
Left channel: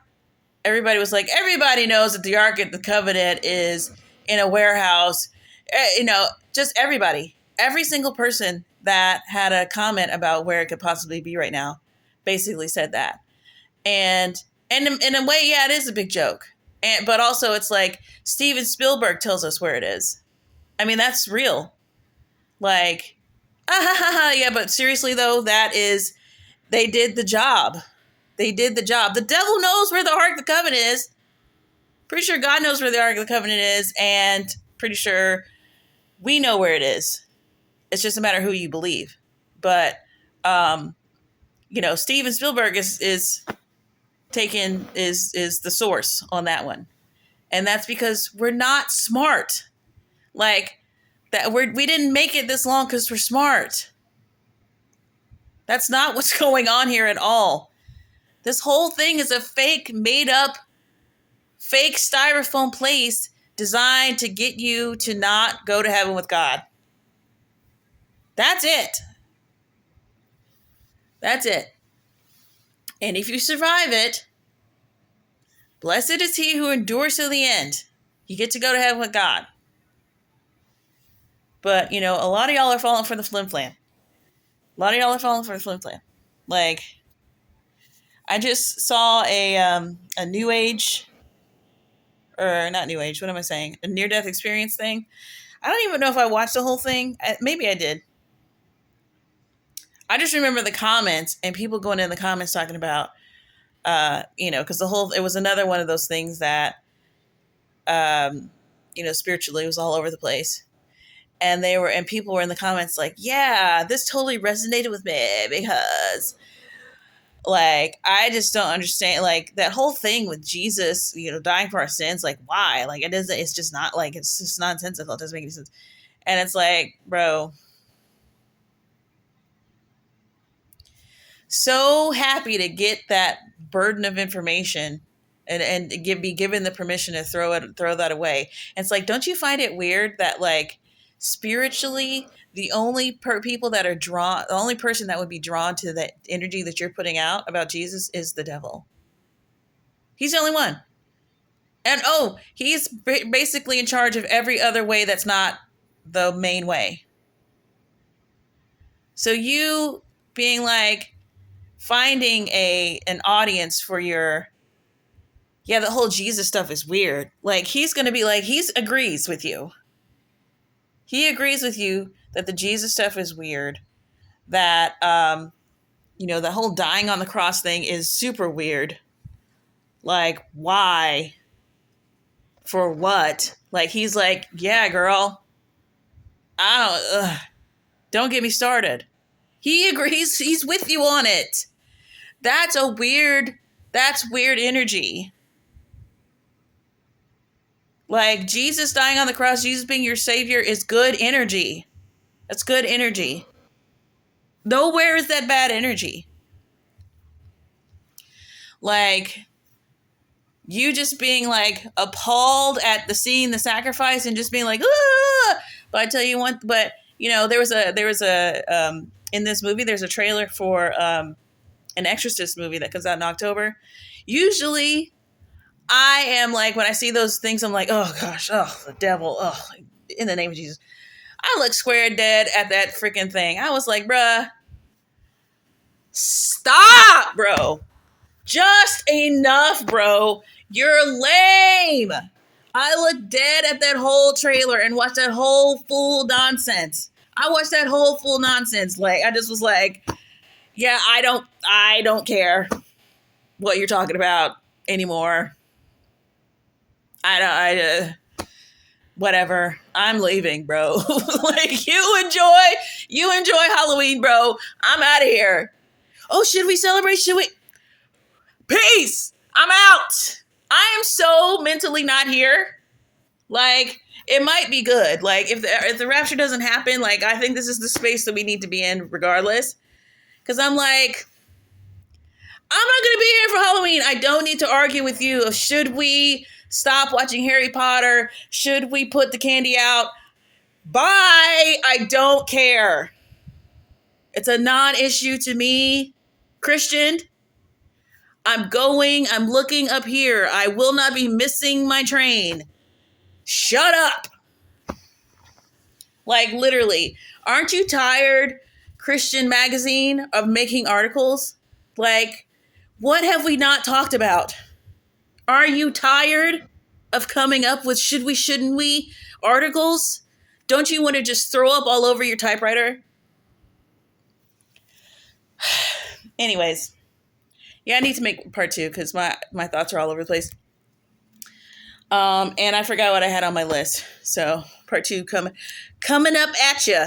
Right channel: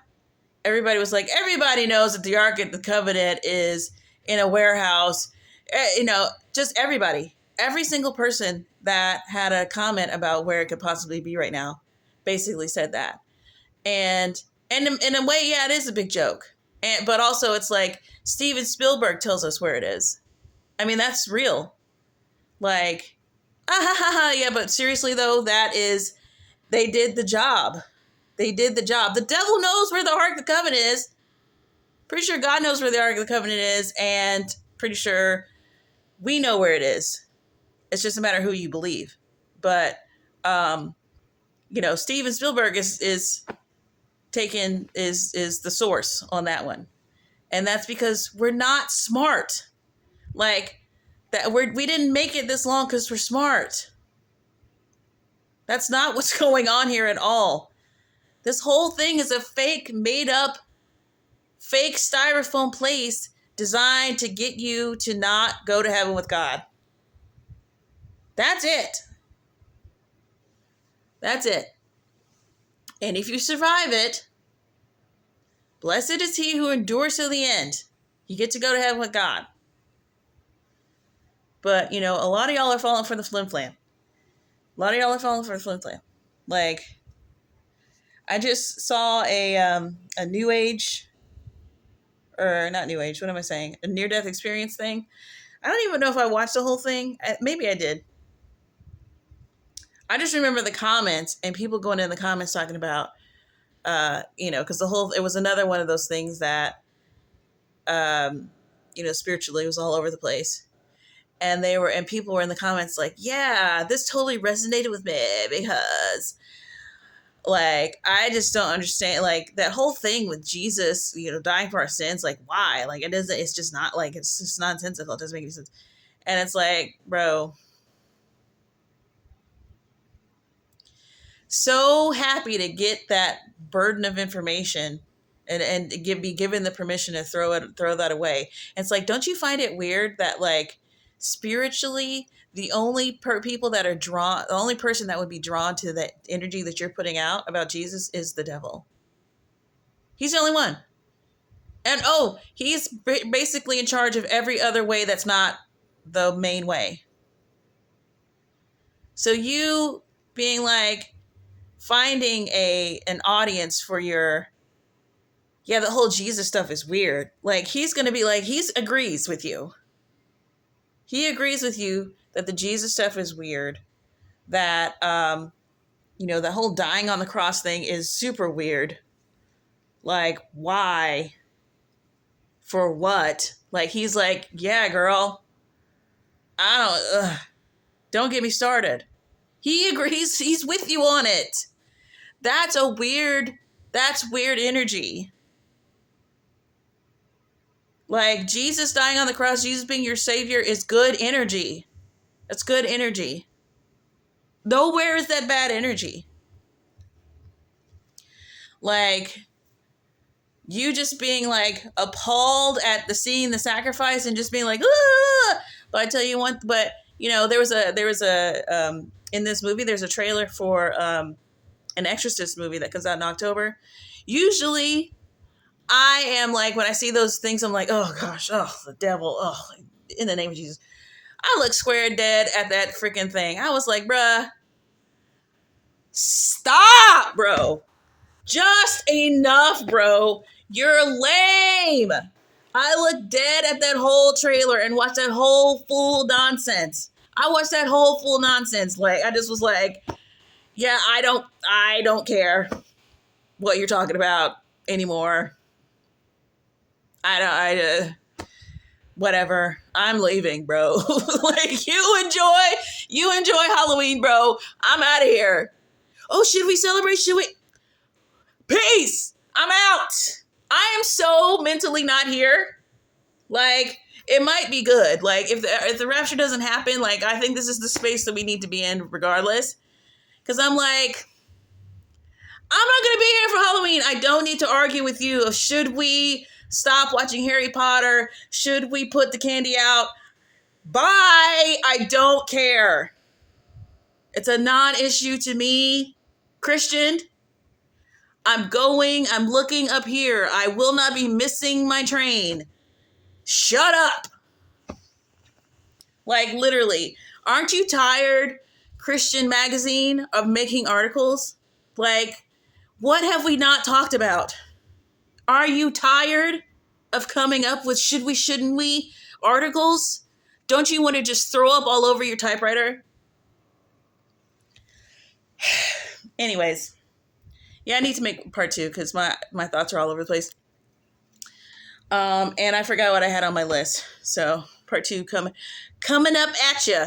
everybody was like, everybody knows that the Ark of the Covenant is in a warehouse. Just everybody, every single person that had a comment about where it could possibly be right now, basically said that. And in a way, yeah, it is a big joke. But also, it's like Steven Spielberg tells us where it is. I mean, that's real. Like, yeah, but seriously though, they did the job. They did the job. The devil knows where the Ark of the Covenant is. Pretty sure God knows where the Ark of the Covenant is, and pretty sure we know where it is. It's just a matter of who you believe. But Steven Spielberg is the source on that one. And that's because we're not smart. Like that we didn't make it this long because we're smart. That's not what's going on here at all. This whole thing is a fake, made up, fake styrofoam place designed to get you to not go to heaven with God. That's it. That's it. And if you survive it, blessed is he who endures to the end. You get to go to heaven with God. But, a lot of y'all are falling for the flim flam. Like, I just saw a new age, or not new age, what am I saying? A near-death experience thing. I don't even know if I watched the whole thing. Maybe I did. I just remember the comments and people going in the comments talking about, because it was another one of those things that, spiritually was all over the place. And people were in the comments like, yeah, this totally resonated with me because, like, I just don't understand, like, that whole thing with Jesus, dying for our sins. Like, why? Like, it's just not, like, it's just nonsensical. It doesn't make any sense. And it's like, bro, so happy to get that burden of information and be given the permission to throw that away. And it's like, don't you find it weird that, like, spiritually, the only person that would be drawn to the energy that you're putting out about Jesus is the devil. He's the only one. And he's basically in charge of every other way that's not the main way. So you being like, finding an audience for the whole Jesus stuff is weird. Like, he's going to be like, he agrees with you. He agrees with you that the Jesus stuff is weird. That, the whole dying on the cross thing is super weird. Like, why? For what? Like, he's like, yeah, girl. Don't get me started. He agrees. He's with you on it. That's weird energy. Like, Jesus dying on the cross, Jesus being your savior is good energy. That's good energy. Nowhere is that bad energy. Like, you just being like appalled at seeing the sacrifice and just being like, ah! But I tell you one, there was a in this movie, there's a trailer for an Exorcist movie that comes out in October. Usually I am like, when I see those things, I'm like, oh gosh, the devil, in the name of Jesus. I look square dead at that freaking thing. I was like, bruh, stop, bro. Just enough, bro. You're lame. I looked dead at that whole trailer and watched that whole fool nonsense. Like, I just was like, yeah, I don't care what you're talking about anymore. Whatever. I'm leaving, bro. Like, you enjoy Halloween, bro. I'm out of here. Oh, should we celebrate? Peace. I'm out. I am so mentally not here. Like, it might be good. Like, if the rapture doesn't happen, like, I think this is the space that we need to be in regardless. Because I'm like, I'm not going to be here for Halloween. I don't need to argue with you. Should we stop watching Harry Potter? Should we put the candy out? Bye. I don't care. It's a non-issue to me, Christian. I'm looking up here. I will not be missing my train. Shut up. Like, literally, aren't you tired, Christian Magazine, of making articles? Like, what have we not talked about? Are you tired of coming up with should we, shouldn't we articles? Don't you want to just throw up all over your typewriter? Anyways, yeah, I need to make part 2 because my thoughts are all over the place. And I forgot what I had on my list. So part 2 coming up at you.